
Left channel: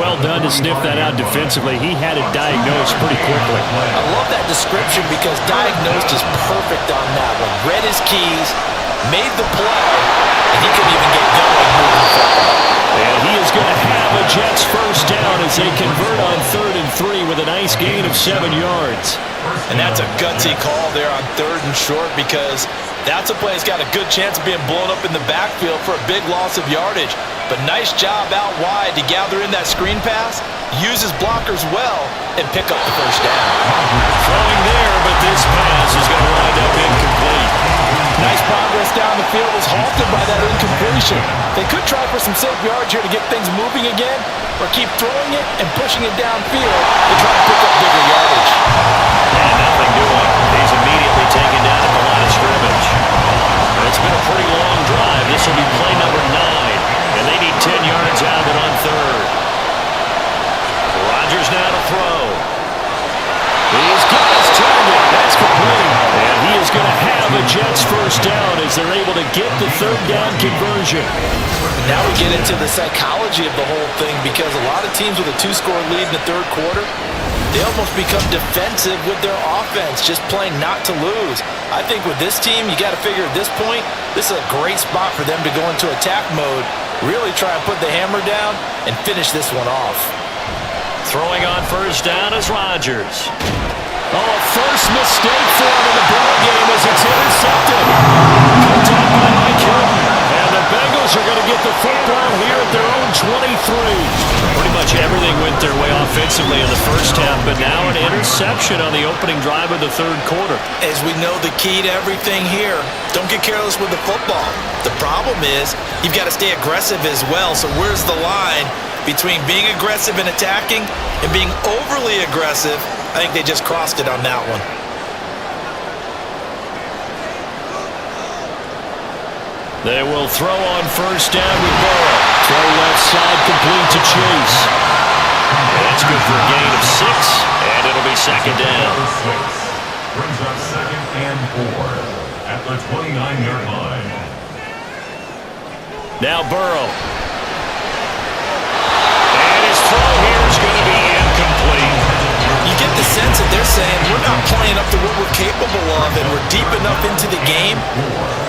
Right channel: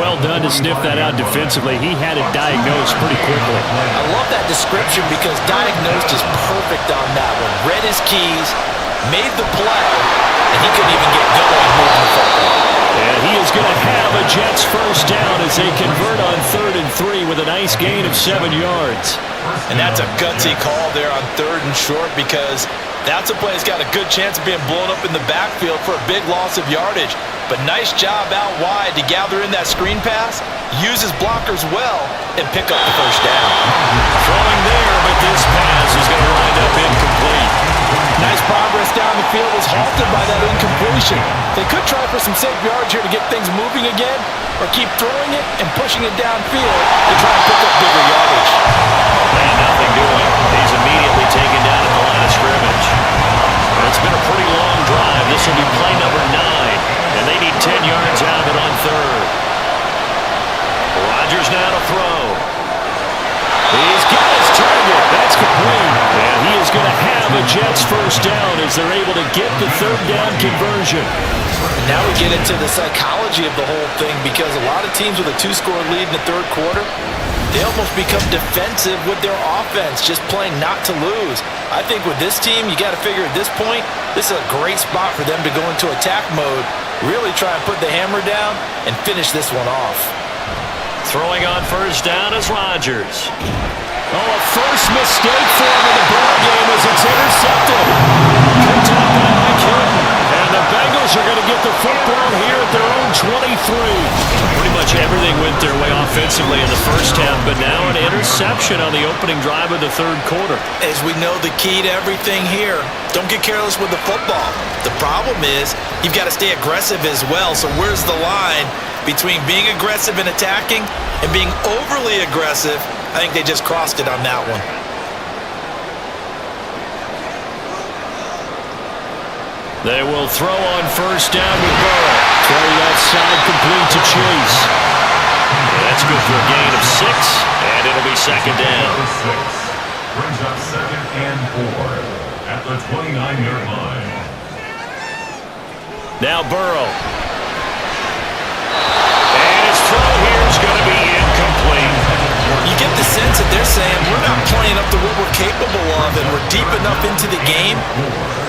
Well done to sniff that out defensively. He had it diagnosed pretty quickly. I love that description because diagnosed is perfect on that one. Read his keys, made the play, and he couldn't even get going moving the football. And he is going to have a Jets first down as they convert on 3rd and 3 with a nice gain of 7 yards. And that's a gutsy call there on 3rd and short because that's a play that's got a good chance of being blown up in the backfield for a big loss of yardage. But nice job out wide to gather in that screen pass, use his blockers well, and pick up the first down. Throwing there, but this pass is going to wind up incomplete. Nice progress down the field was halted by that incompletion. They could try for some safe yards here to get things moving again, or keep throwing it and pushing it downfield to try to pick up bigger yardage. And nothing doing. He's immediately taken down at the line of scrimmage. It's been a pretty long drive. This will be play number 9, and they need 10 yards out of it on 3rd. Rodgers now to throw. He's got his target. That's complete. And he is going to have a Jets first down as they're able to get the 3rd down conversion. Now we get into the psychology of the whole thing because a lot of teams with a 2-score lead in the 3rd quarter, they almost become defensive with their offense, just playing not to lose. I think with this team, you got to figure at this point, this is a great spot for them to go into attack mode, really try and put the hammer down and finish this one off. Throwing on first down is Rodgers. Oh, a first mistake for him in the ball game as it's intercepted. Picked up by Mike Hilton. And the Bengals are going to get the football here at their own 23. Pretty much everything went their way offensively in the first half, but now an interception on the opening drive of the 3rd quarter. As we know, the key to everything here, don't get careless with the football. The problem is you've got to stay aggressive as well. So where's the line between being aggressive and attacking and being overly aggressive? I think they just crossed it on that one. They will throw on first down with Burrow. Throw left side complete to Chase. And that's good for a gain of 6, and it'll be 2nd down. 6 brings up 2nd and 4 at the 29-yard line. Now Burrow. And his throw here is going to be incomplete. You get the sense that they're saying we're not playing up to what we're capable of and we're deep enough into the game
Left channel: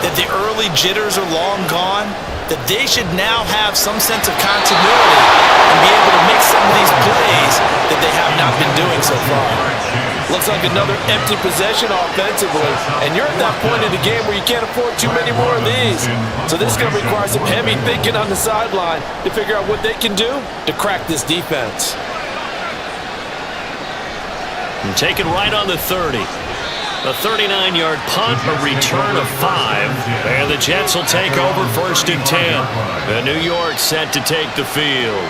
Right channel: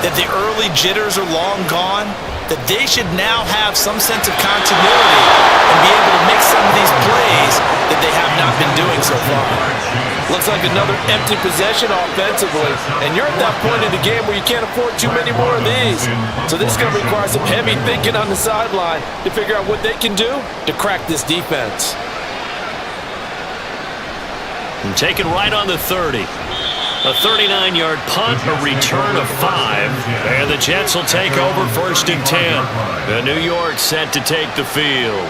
that the early jitters are long gone, that they should now have some sense of continuity and be able to make some of these plays that they have not been doing so far. Looks like another empty possession offensively, and you're at that point in the game where you can't afford too many more of these. So this is going to require some heavy thinking on the sideline to figure out what they can do to crack this defense. And taken right on the 30. A 39-yard punt, a return of 5. And the Jets will take over 1st and 10. And New York set to take the field.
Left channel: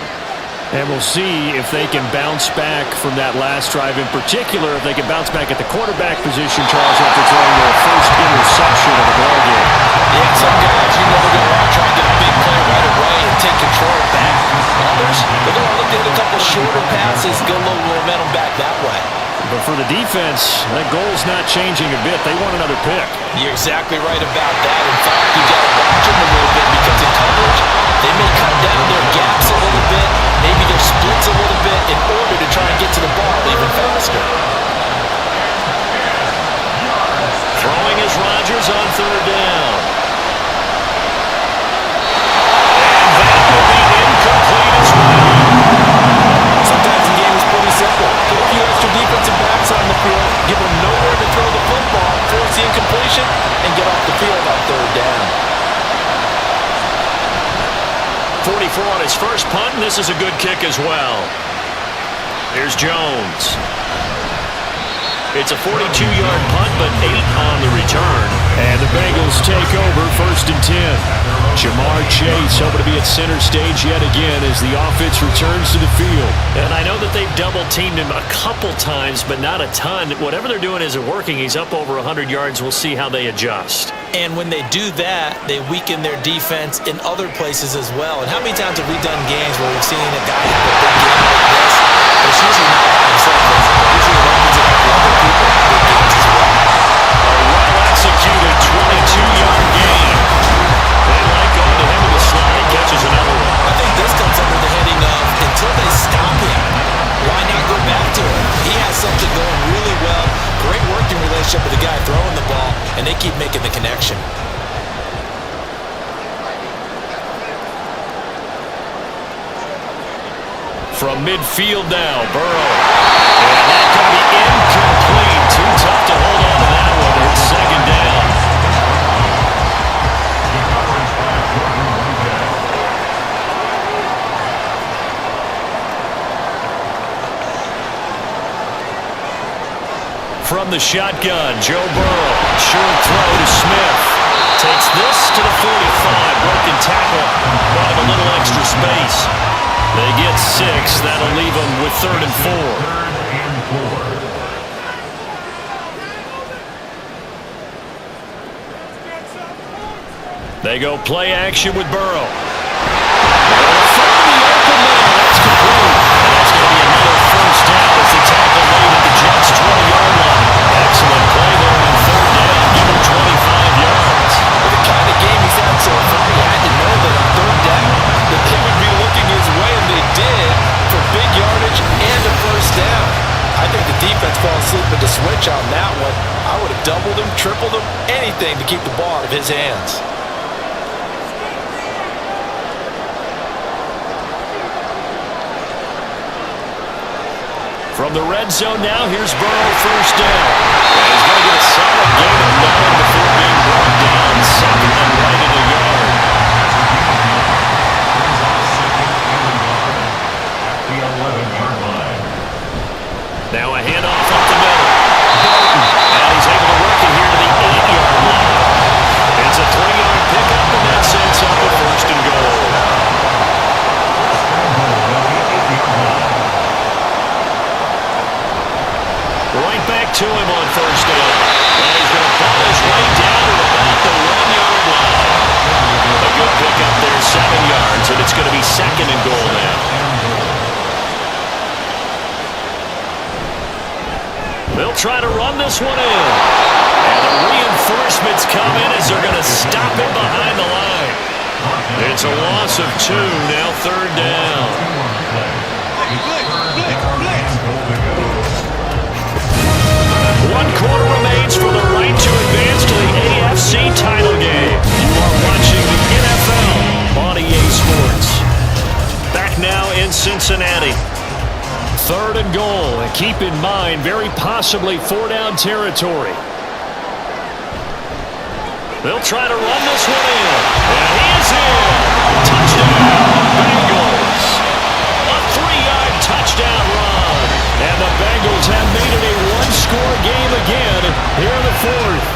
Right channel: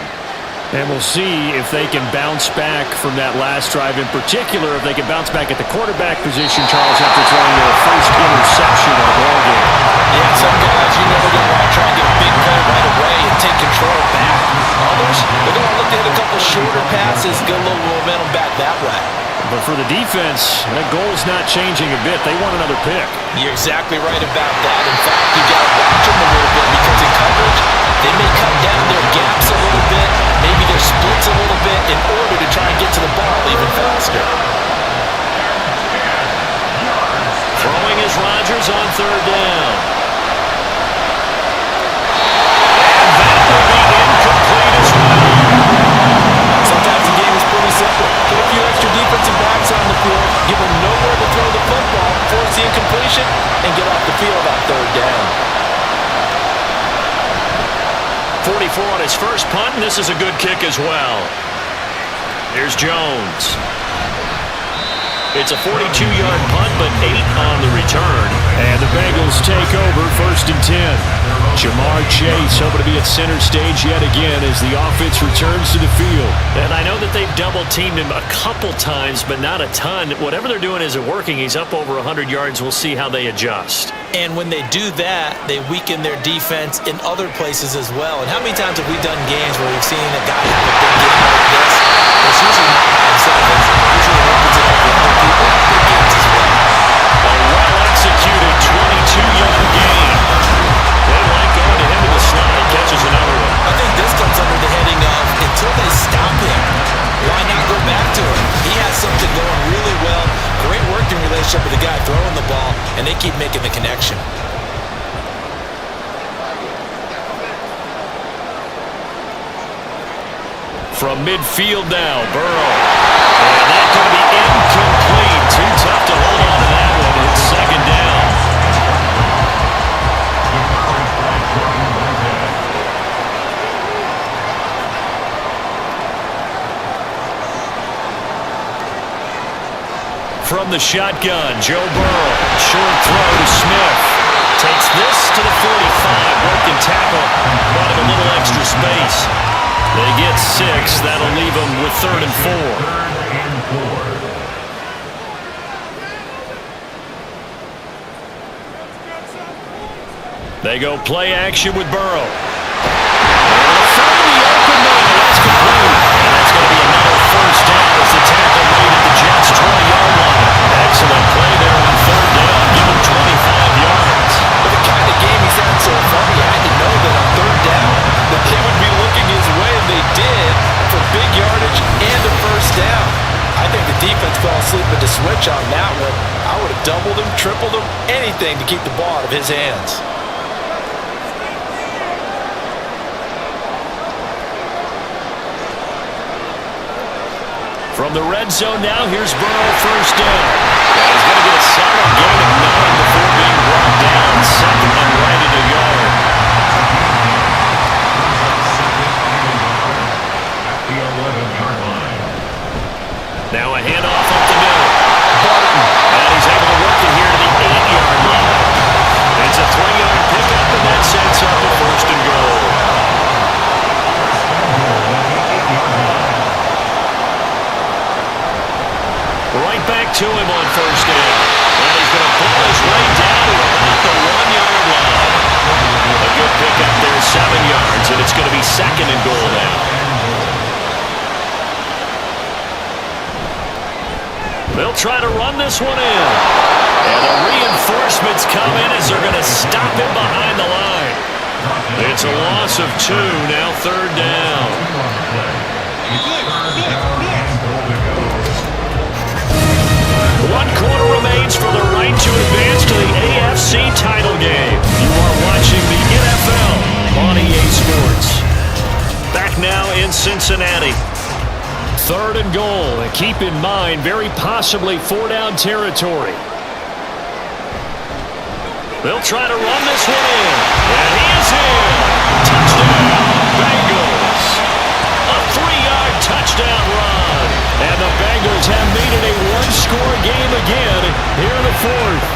And we'll see if they can bounce back from that last drive, in particular, if they can bounce back at the quarterback position, Charles, after throwing their first interception of the ballgame. Yeah, some guys, you know they're going to want to try and get a big play right away and take control back. others, they're going to look to hit a couple shorter passes, get a little momentum back that way. But for the defense, that goal's not changing a bit. They want another pick. You're exactly right about that. In fact, you got to watch them a little bit because in coverage, they may cut down their gaps a little bit, maybe their splits a little bit in order to try and get to the ball even faster. Throwing is Rodgers on third down. And that will be incomplete as well. Sometimes the game is pretty simple. Put a few extra defensive backs on the field, give them nowhere to throw the football, force the incompletion, and get off the field on third down. 44 on his first punt, and this is a good kick as well. Here's Jones. It's a 42-yard punt, but 8 on the return. And the Bengals take over 1st and 10. Jamar Chase hoping to be at center stage yet again as the offense returns to the field. And I know that they've double-teamed him a couple times, but not a ton. Whatever they're doing isn't working. He's up over 100 yards. We'll see how they adjust. And when they do that, they weaken their defense in other places as well. And how many times have we done games where we've seen a guy have a big game like this, but it's usually not by himself. It usually opens it up for other people to have big games as well. A well-executed 22-yard gain. They like going to him in the slot. He catches another one. I think this comes under the heading of until they stop him, why not go back to him? He has something going really well. Great working relationship with the guy throwing the ball, and they keep making the connection. From midfield now, Burrow. And that's going to be incomplete. Too tough to hold on to that one. It's 2nd down. From the shotgun, Joe Burrow. Short throw to Smith. Takes this to the 45. Broken tackle. Brought him a little extra space. They get 6. That'll leave them with 3rd and 4. They go play action with Burrow. They'll find the open man. That's complete. And that's going to be another 1st down as the tackle made at the Jets' 20-yard line. Excellent play there on 3rd down. Give him 25 yards. With the kind of game he's had so far, he had to know that on 3rd down that they would be looking his way, and they did, for big yardage and a 1st down. I think the defense fell asleep at the switch on that one. I would have doubled him, tripled him, anything to keep the ball out of his hands. From the red zone now, here's Burrow 1st down. And he's going to get a solid gain of 9 before being brought down. 2nd and right at a yard. At the 11-yard line. Now a handoff up the middle. Barton. And he's able to work it here to the 8-yard line. It's a 3-yard pickup, and that sets up a 1st and goal. Right back to him on 1st down. And he's going to pull his way down to about the 1-yard line. A good pickup there, 7 yards, and it's going to be 2nd and goal now. They'll try to run this one in. And the reinforcements come in as they're going to stop him behind the line. It's a loss of 2, now 3rd down. 1 quarter remains for the right to advance to the AFC title game. You are watching the NFL on EA Sports. Back now in Cincinnati. 3rd and goal, and keep in mind, very possibly 4-down territory. They'll try to run this one in, and he is in. Touchdown, Bengals. A 3-yard touchdown run, and the Bengals have made it a 1-score game again here in the 4th.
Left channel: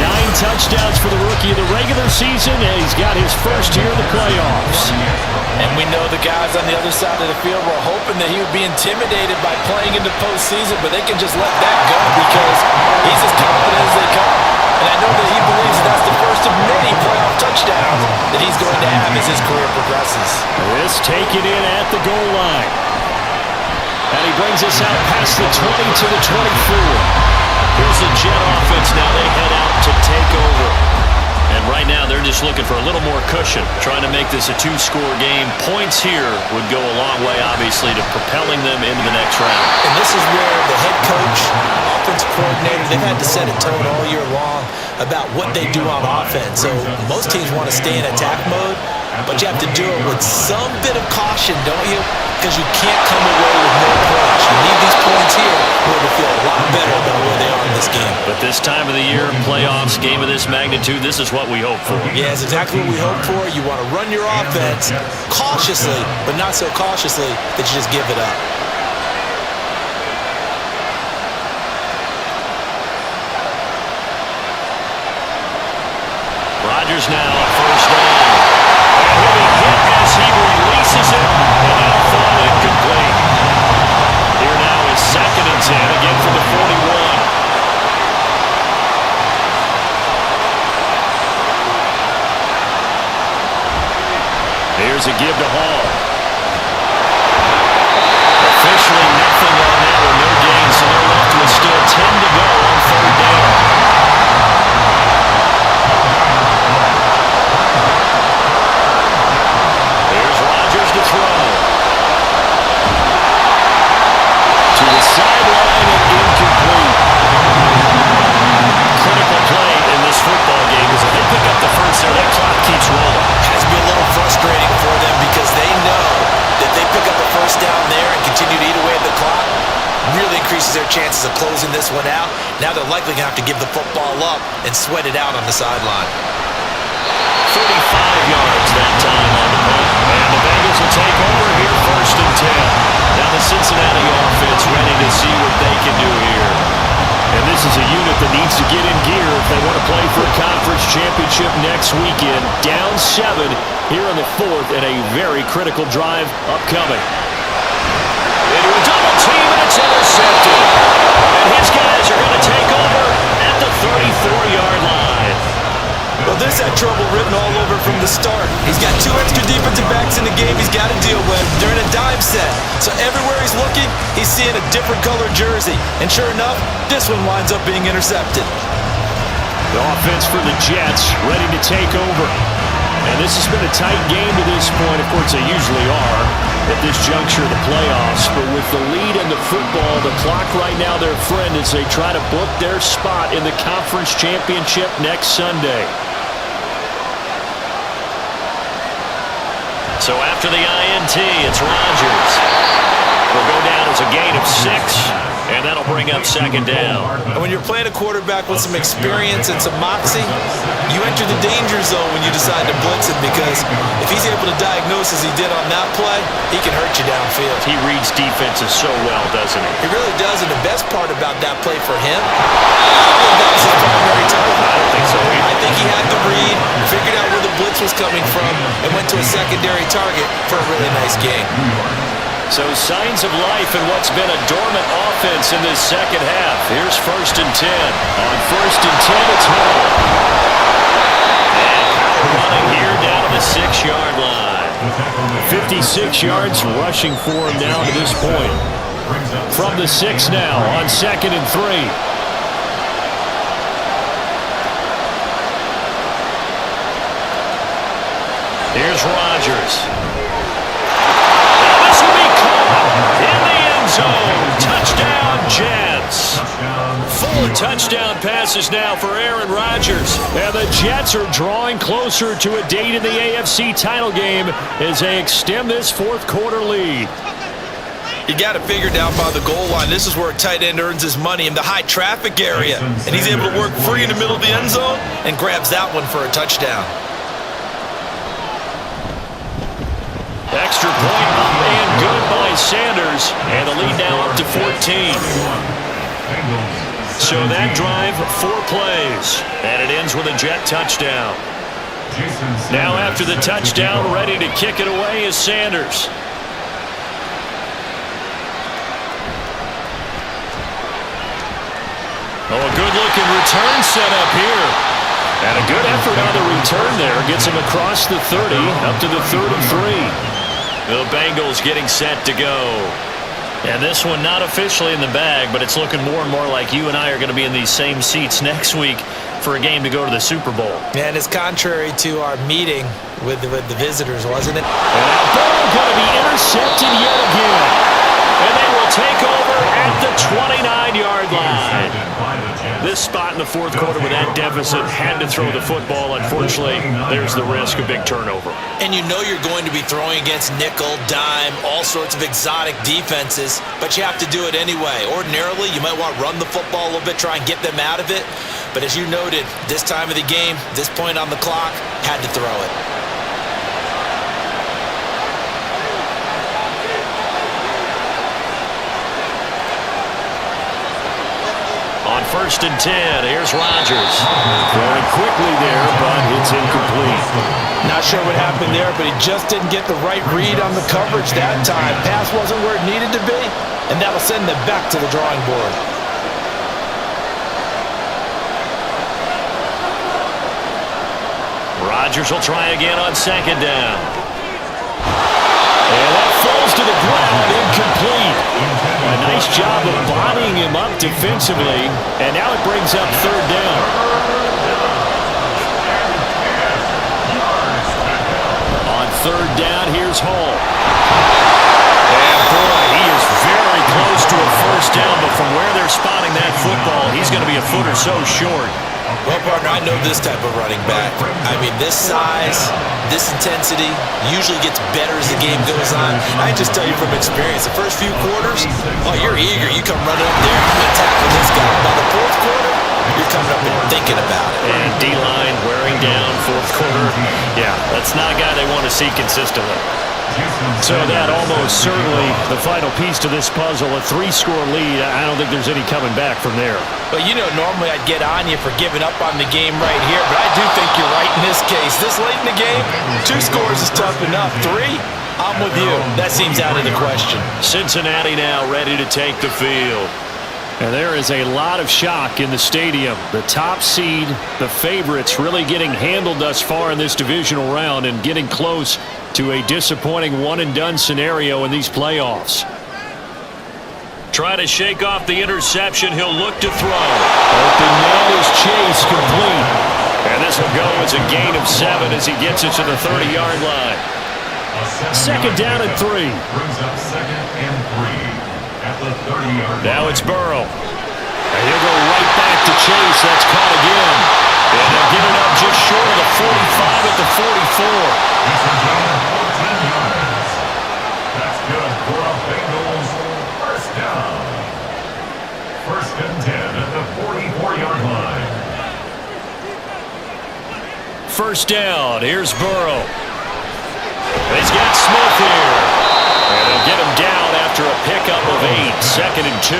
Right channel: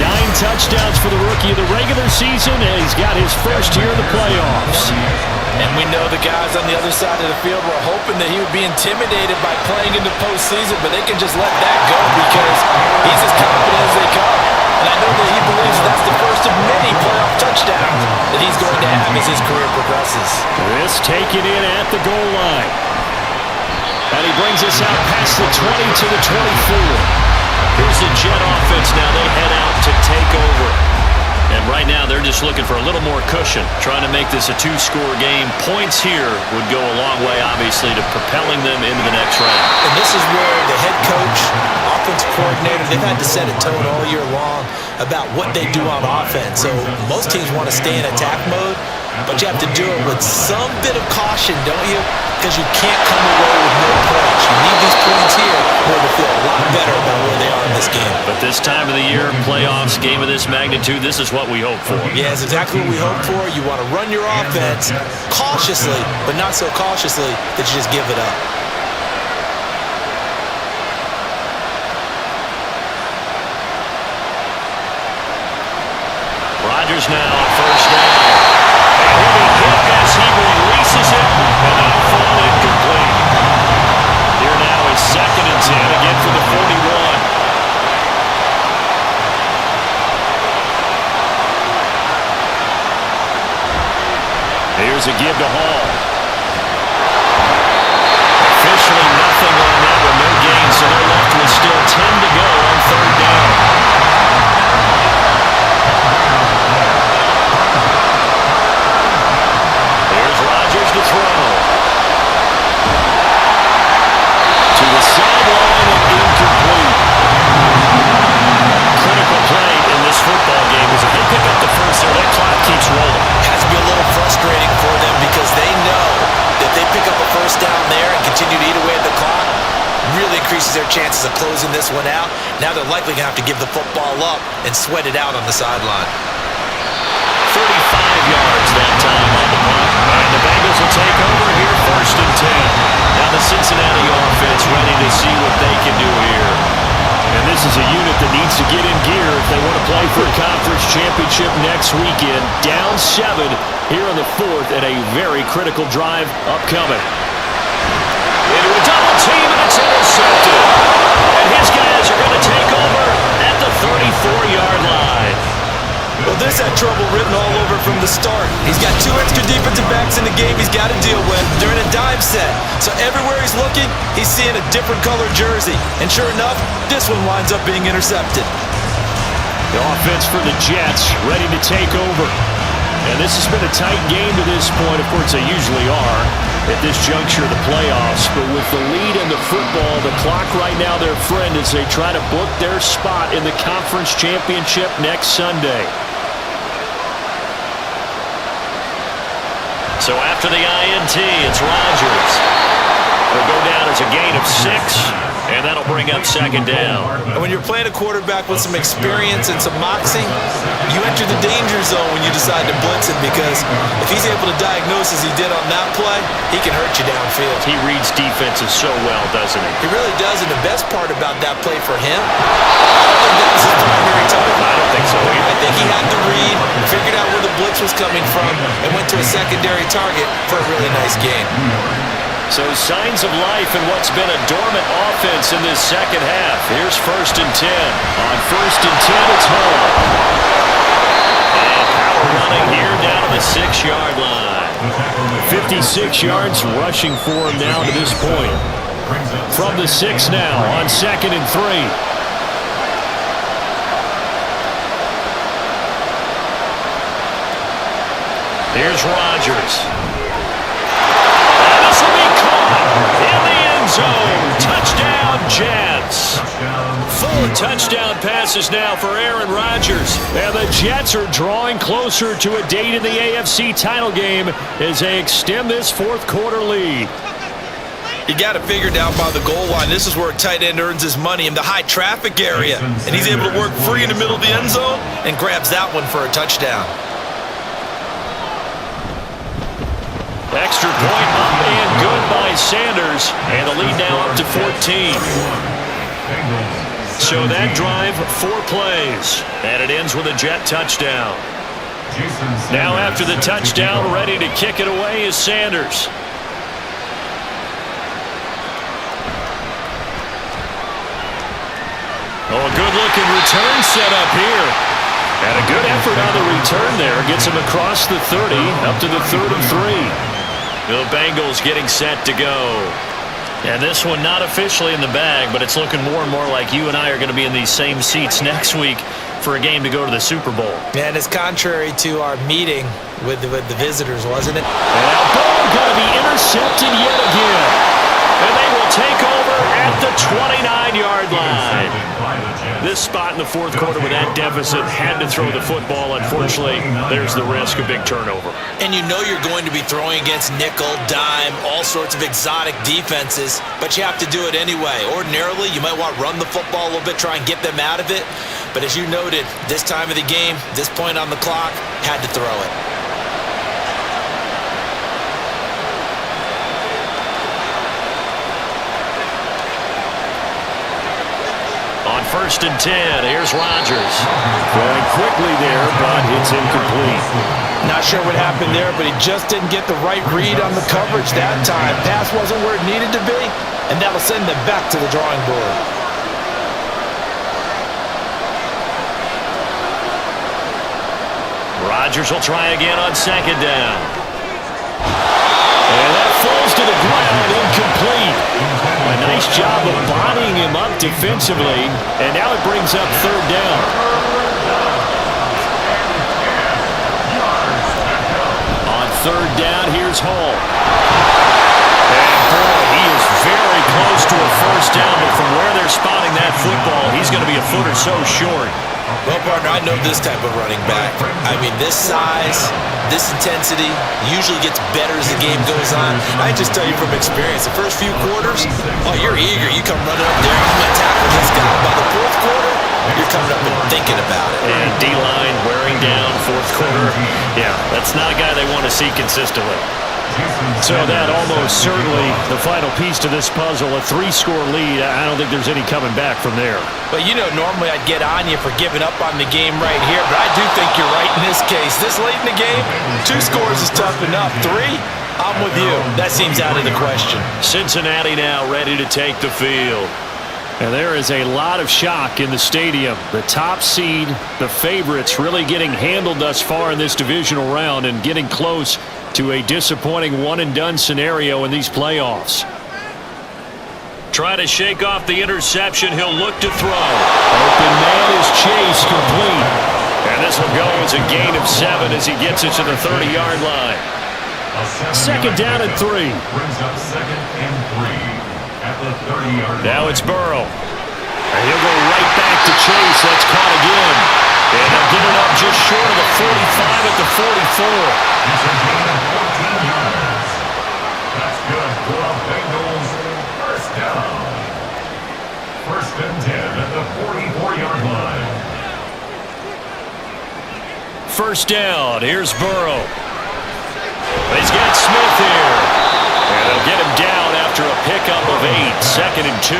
9 touchdowns for the rookie of the regular season, and he's got his first here in the playoffs. And we know the guys on the other side of the field were hoping that he would be intimidated by playing in the postseason, but they can just let that go because he's as confident as they come. And I know that he believes that's the first of many playoff touchdowns that he's going to have as his career progresses. This taken in at the goal line. And he brings us out past the 20 to the 24. Here's the Jet offense now. They head out to take over. And right now, they're just looking for a little more cushion, trying to make this a two-score game. Points here would go a long way, obviously, to propelling them into the next round. And this is where the head coach, offensive coordinator, they've had to set a tone all year long about what they do on offense. So most teams want to stay in attack mode, but you have to do it with some bit of caution, don't you? Because you can't come away with no points. You need these points here in order to feel a lot better about where they are in this game. But this time of the year, playoffs, game of this magnitude, this is what we hope for. Yeah, it's exactly what we hope for. You want to run your offense cautiously, but not so cautiously that you just give it up. Rodgers now on first down. And he'll be hit as he releases it, and that'll fall incomplete. Here now is 2nd and 10, again from the 41. Here's a give to Hall. Officially nothing on that one, no gain, so they're left with still 10 to go on 3rd down. Here's Rodgers to throw. To the sideline and incomplete. Critical play in this football game is if they pick up the first there, that clock keeps rolling. Has to be a little frustrating for them because they know that they pick up a first down there and continue to eat away at the clock, really increases their chances of closing this one out. Now they're likely going to have to give the football up and sweat it out on the sideline. 35 yards that time on the punt. And the Bengals will take over here 1st and 10. Now the Cincinnati offense ready to see what they can do here. And this is a unit that needs to get in gear if they want to play for a conference championship next weekend. Down 7 here in the 4th and a very critical drive upcoming. Into a double team and it's intercepted. And his guys are going to take over at the 34-yard line. Well, this had trouble written all over from the start. He's got 2 extra defensive backs in the game he's got to deal with. They're in a dime set. So everywhere he's looking, he's seeing a different color jersey. And sure enough, this one winds up being intercepted. The offense for the Jets ready to take over. And this has been a tight game to this point. Of course, they usually are at this juncture of the playoffs. But with the lead in the football, the clock right now their friend as they try to book their spot in the conference championship next Sunday. So after the INT, it's Rodgers. Will go down as a gain of 6, and that'll bring up 2nd down. And when you're playing a quarterback with some experience and some moxie, you enter the danger zone when you decide to blitz him because if he's able to diagnose as he did on that play, he can hurt you downfield. He reads defenses so well, doesn't he? He really does, and the best part about that play for him, I don't think that was his primary target. I don't think so either. I think he had to read, figured out where the blitz was coming from, and went to a secondary target for a really nice game. So signs of life in what's been a dormant offense in this second half. Here's 1st and 10. On 1st and 10, it's Hall. And power running here down to the 6-yard line. 56 yards rushing for him now to this point. From the 6 now on 2nd and 3. Here's Rodgers. And this will be caught in the end zone. Touchdown, Jets. 4 touchdown passes now for Aaron Rodgers. And the Jets are drawing closer to a date in the AFC title game as they extend this 4th quarter lead. You got it figured out by the goal line. This is where a tight end earns his money in the high traffic area. And he's able to work free in the middle of the end zone and grabs that one for a touchdown. Extra point up and good by Sanders. And the lead now up to 14. So that drive, 4 plays. And it ends with a Jet touchdown. Now after the touchdown, ready to kick it away is Sanders. Oh, a good-looking return set up here. And a good effort on the return there. Gets him across the 30, up to the 33. The Bengals getting set to go. And this one not officially in the bag, but it's looking more and more like you and I are going to be in these same seats next week for a game to go to the Super Bowl. And it's contrary to our meeting with the visitors, wasn't it? And now ball going to be intercepted yet again. And they will take over at the 29-yard line. This spot in the fourth quarter with that deficit had to throw the football. Unfortunately, there's the risk of big turnover. And you know you're going to be throwing against nickel, dime, all sorts of exotic defenses, but you have to do it anyway. Ordinarily, you might want to run the football a little bit, try and get them out of it. But as you noted, this time of the game, this point on the clock, had to throw it. On 1st and 10, here's Rodgers. Going quickly there, but it's incomplete. Not sure what happened there, but he just didn't get the right read on the coverage that time. Pass wasn't where it needed to be, and that'll send them back to the drawing board. Rodgers will try again on 2nd down. And that falls to the ground, incomplete. A nice job of bodying him up defensively, and now it brings up 3rd down. On 3rd down, here's Hall. And boy, he is very close to a 1st down, but from where they're spotting that football, he's going to be a foot or so short. Well, partner, I know this type of running back. I mean, this size, this intensity usually gets better as the game goes on. I just tell you from experience, the first few quarters, oh, you're eager. You come running up there, I'm going to tackle this guy. By the 4th quarter, you're coming up and thinking about it. And D-line wearing down 4th quarter. Yeah, that's not a guy they want to see consistently. So that almost certainly the final piece to this puzzle, a 3-score lead. I don't think there's any coming back from there. But you know, normally I'd get on you for giving up on the game right here, but I do think you're right in this case. This late in the game, 2 scores is tough enough. 3, I'm with you. That seems out of the question. Cincinnati now ready to take the field. And there is a lot of shock in the stadium. The top seed, the favorites, really getting handled thus far in this divisional round and getting close to a disappointing one-and-done scenario in these playoffs. Try to shake off the interception. He'll look to throw. Open man is Chase, complete. And this will go as a gain of 7 as he gets it to the 30-yard line. 2nd down and 3. Brings up 2nd and 3 at the 30-yard line. Now it's Burrow. And he'll go right back to Chase. That's caught again. And they'll get it up just short of the 45 at the 44. It's a gain of 14 yards. That's good for a Bengals 1st down. 1st and 10 at the 44-yard line. 1st down. Here's Burrow. He's got Smith here. And they'll get him down after a pickup of 8. 2nd and 2.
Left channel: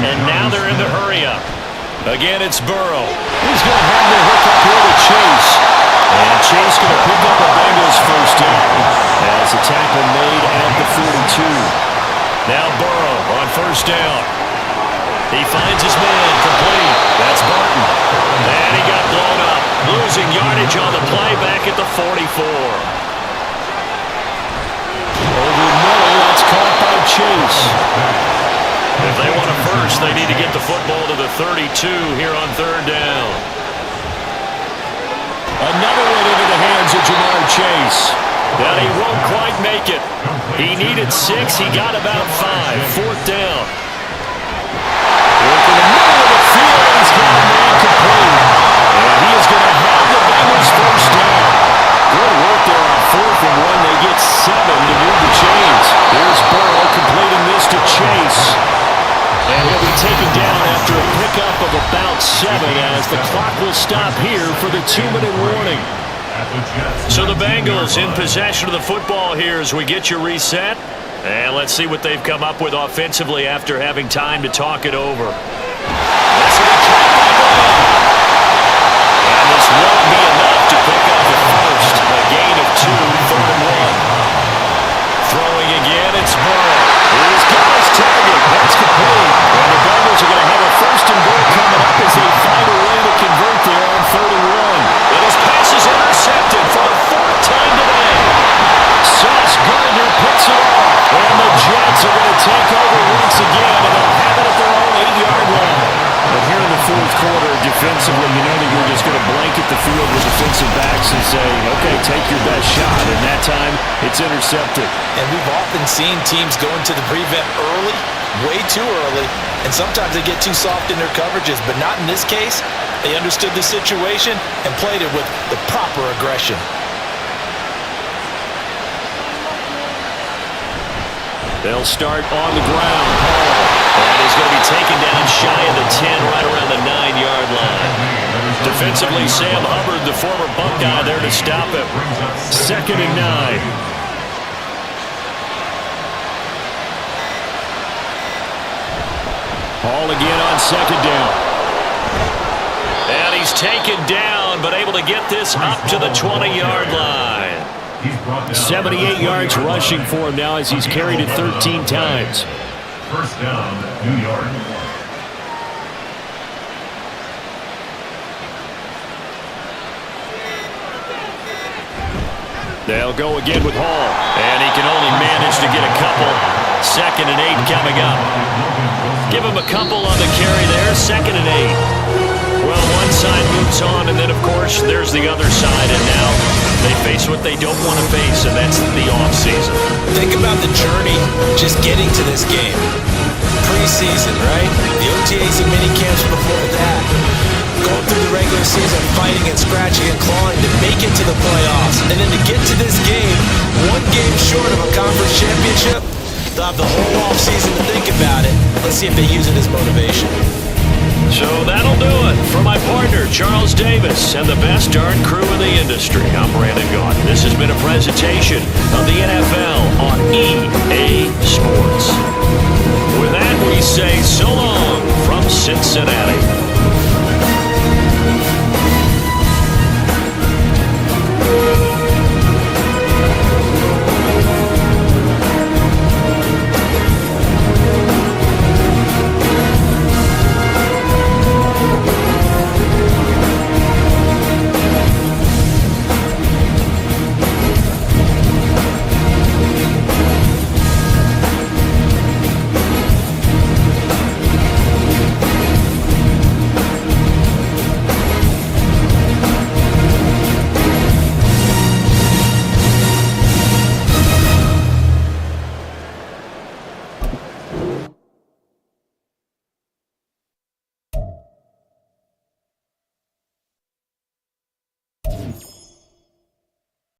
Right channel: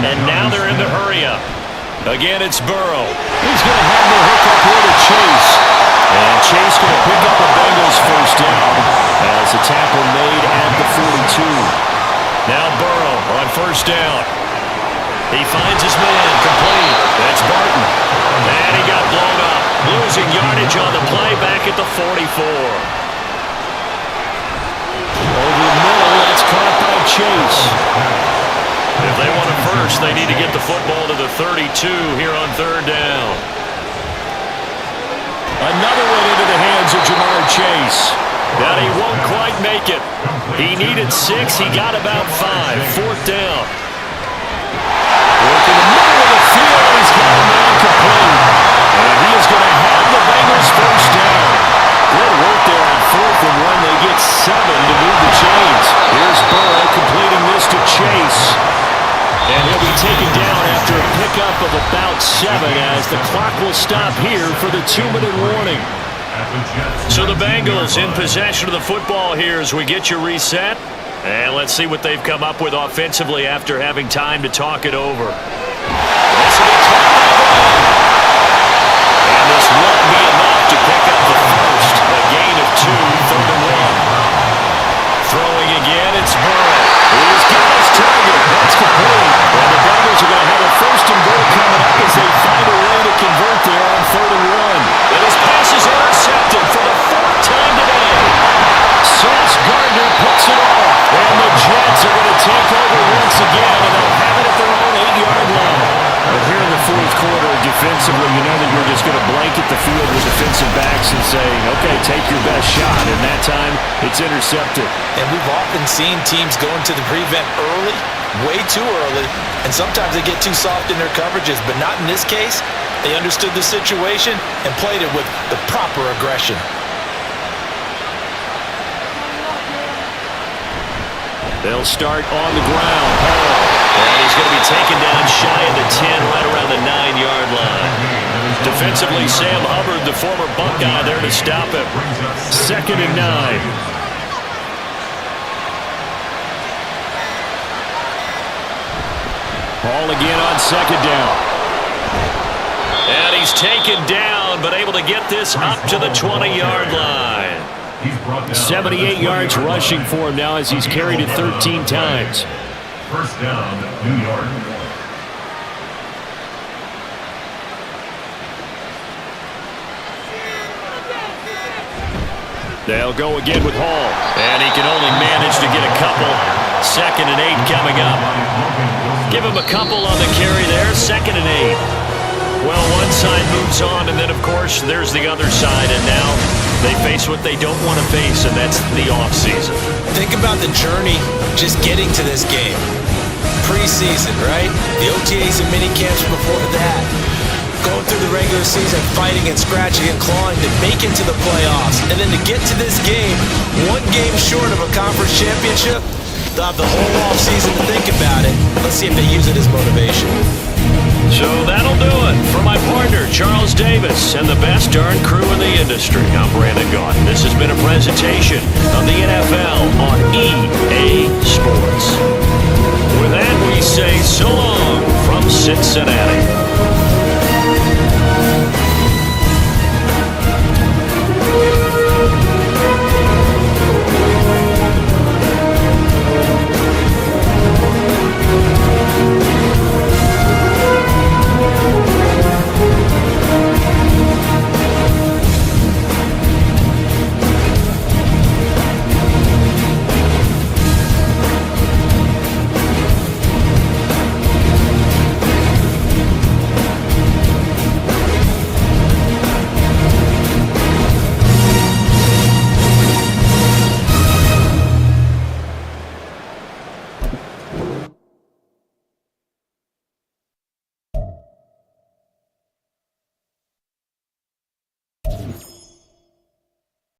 And now they're in the hurry-up. Again, it's Burrow. He's going to have the hook up here to Chase. And Chase going to pick up a Bengals 1st down as a tackle made at the 42. Now Burrow on 1st down. He finds his man, complete. That's Barton. And he got blown up. Losing yardage on the play back at the 44. Over the middle, that's caught by Chase. If they want a 1st, they need to get the football to the 32 here on 3rd down. Another one into the hands of Jamar Chase. Now he won't quite make it. He needed 6. He got about 5. 4th down. Work in the middle of the field, and he's got a man complete. And he is going to have the Bengals 1st down. Good work there on 4th and 1. They get 7 to move the chains. Here's Burrow completing this to Chase. And he'll be taken down after a pickup of about 7 as the clock will stop here for the 2-minute warning. So the Bengals in possession of the football here as we get you reset. And let's see what they've come up with offensively after having time to talk it over. This will be caught by Brown. And this won't be enough to pick up the 1st. A gain of 2, 3rd and 1. Throwing again, it's Burrow. He's got his target. That's complete. And the Bengals are going to have a first and goal coming up as they find a way to convert there on 3rd and 1. And his pass is intercepted for the 4th time today. Sauce Gardner picks it off. And the Jets are going to take over once again, and they'll have it at their own 8-yard line. But here in the 4th quarter, defensively, you know that you're just going to blanket the field with defensive backs and say, okay, take your best shot. And that time, it's intercepted. And we've often seen teams go into the prevent early, way too early, and sometimes they get too soft in their coverages, but not in this case. They understood the situation and played it with the proper aggression. They'll start on the ground. Hall. And he's going to be taken down shy of the 10, right around the 9-yard line. Defensively, Sam Hubbard, the former Buckeye, there to stop him. 2nd and 9. Hall again on 2nd down. And he's taken down, but able to get this up to the 20-yard line. 78 yards rushing for him now as he's carried it 13 times. 1st down, New York. They'll go again with Hall. And he can only manage to get a couple. 2nd and 8 coming up. Give him a couple on the carry there. 2nd and 8. Well, one side moves on, and then, of course, there's the other side. And now they face what they don't want to face, and that's the offseason. Think about the journey just getting to this game. Preseason, right? The OTAs and mini camps before that. Going through the regular season, fighting and scratching and clawing to make it to the playoffs. And then to get to this game, one game short of a conference championship, they'll have the whole offseason to think about it. Let's see if they use it as motivation. So that'll do it. For my partner, Charles Davis, and the best darn crew in the industry, I'm Brandon Gaughan. This has been a presentation of the NFL on EA Sports. With that, we say so long from Cincinnati.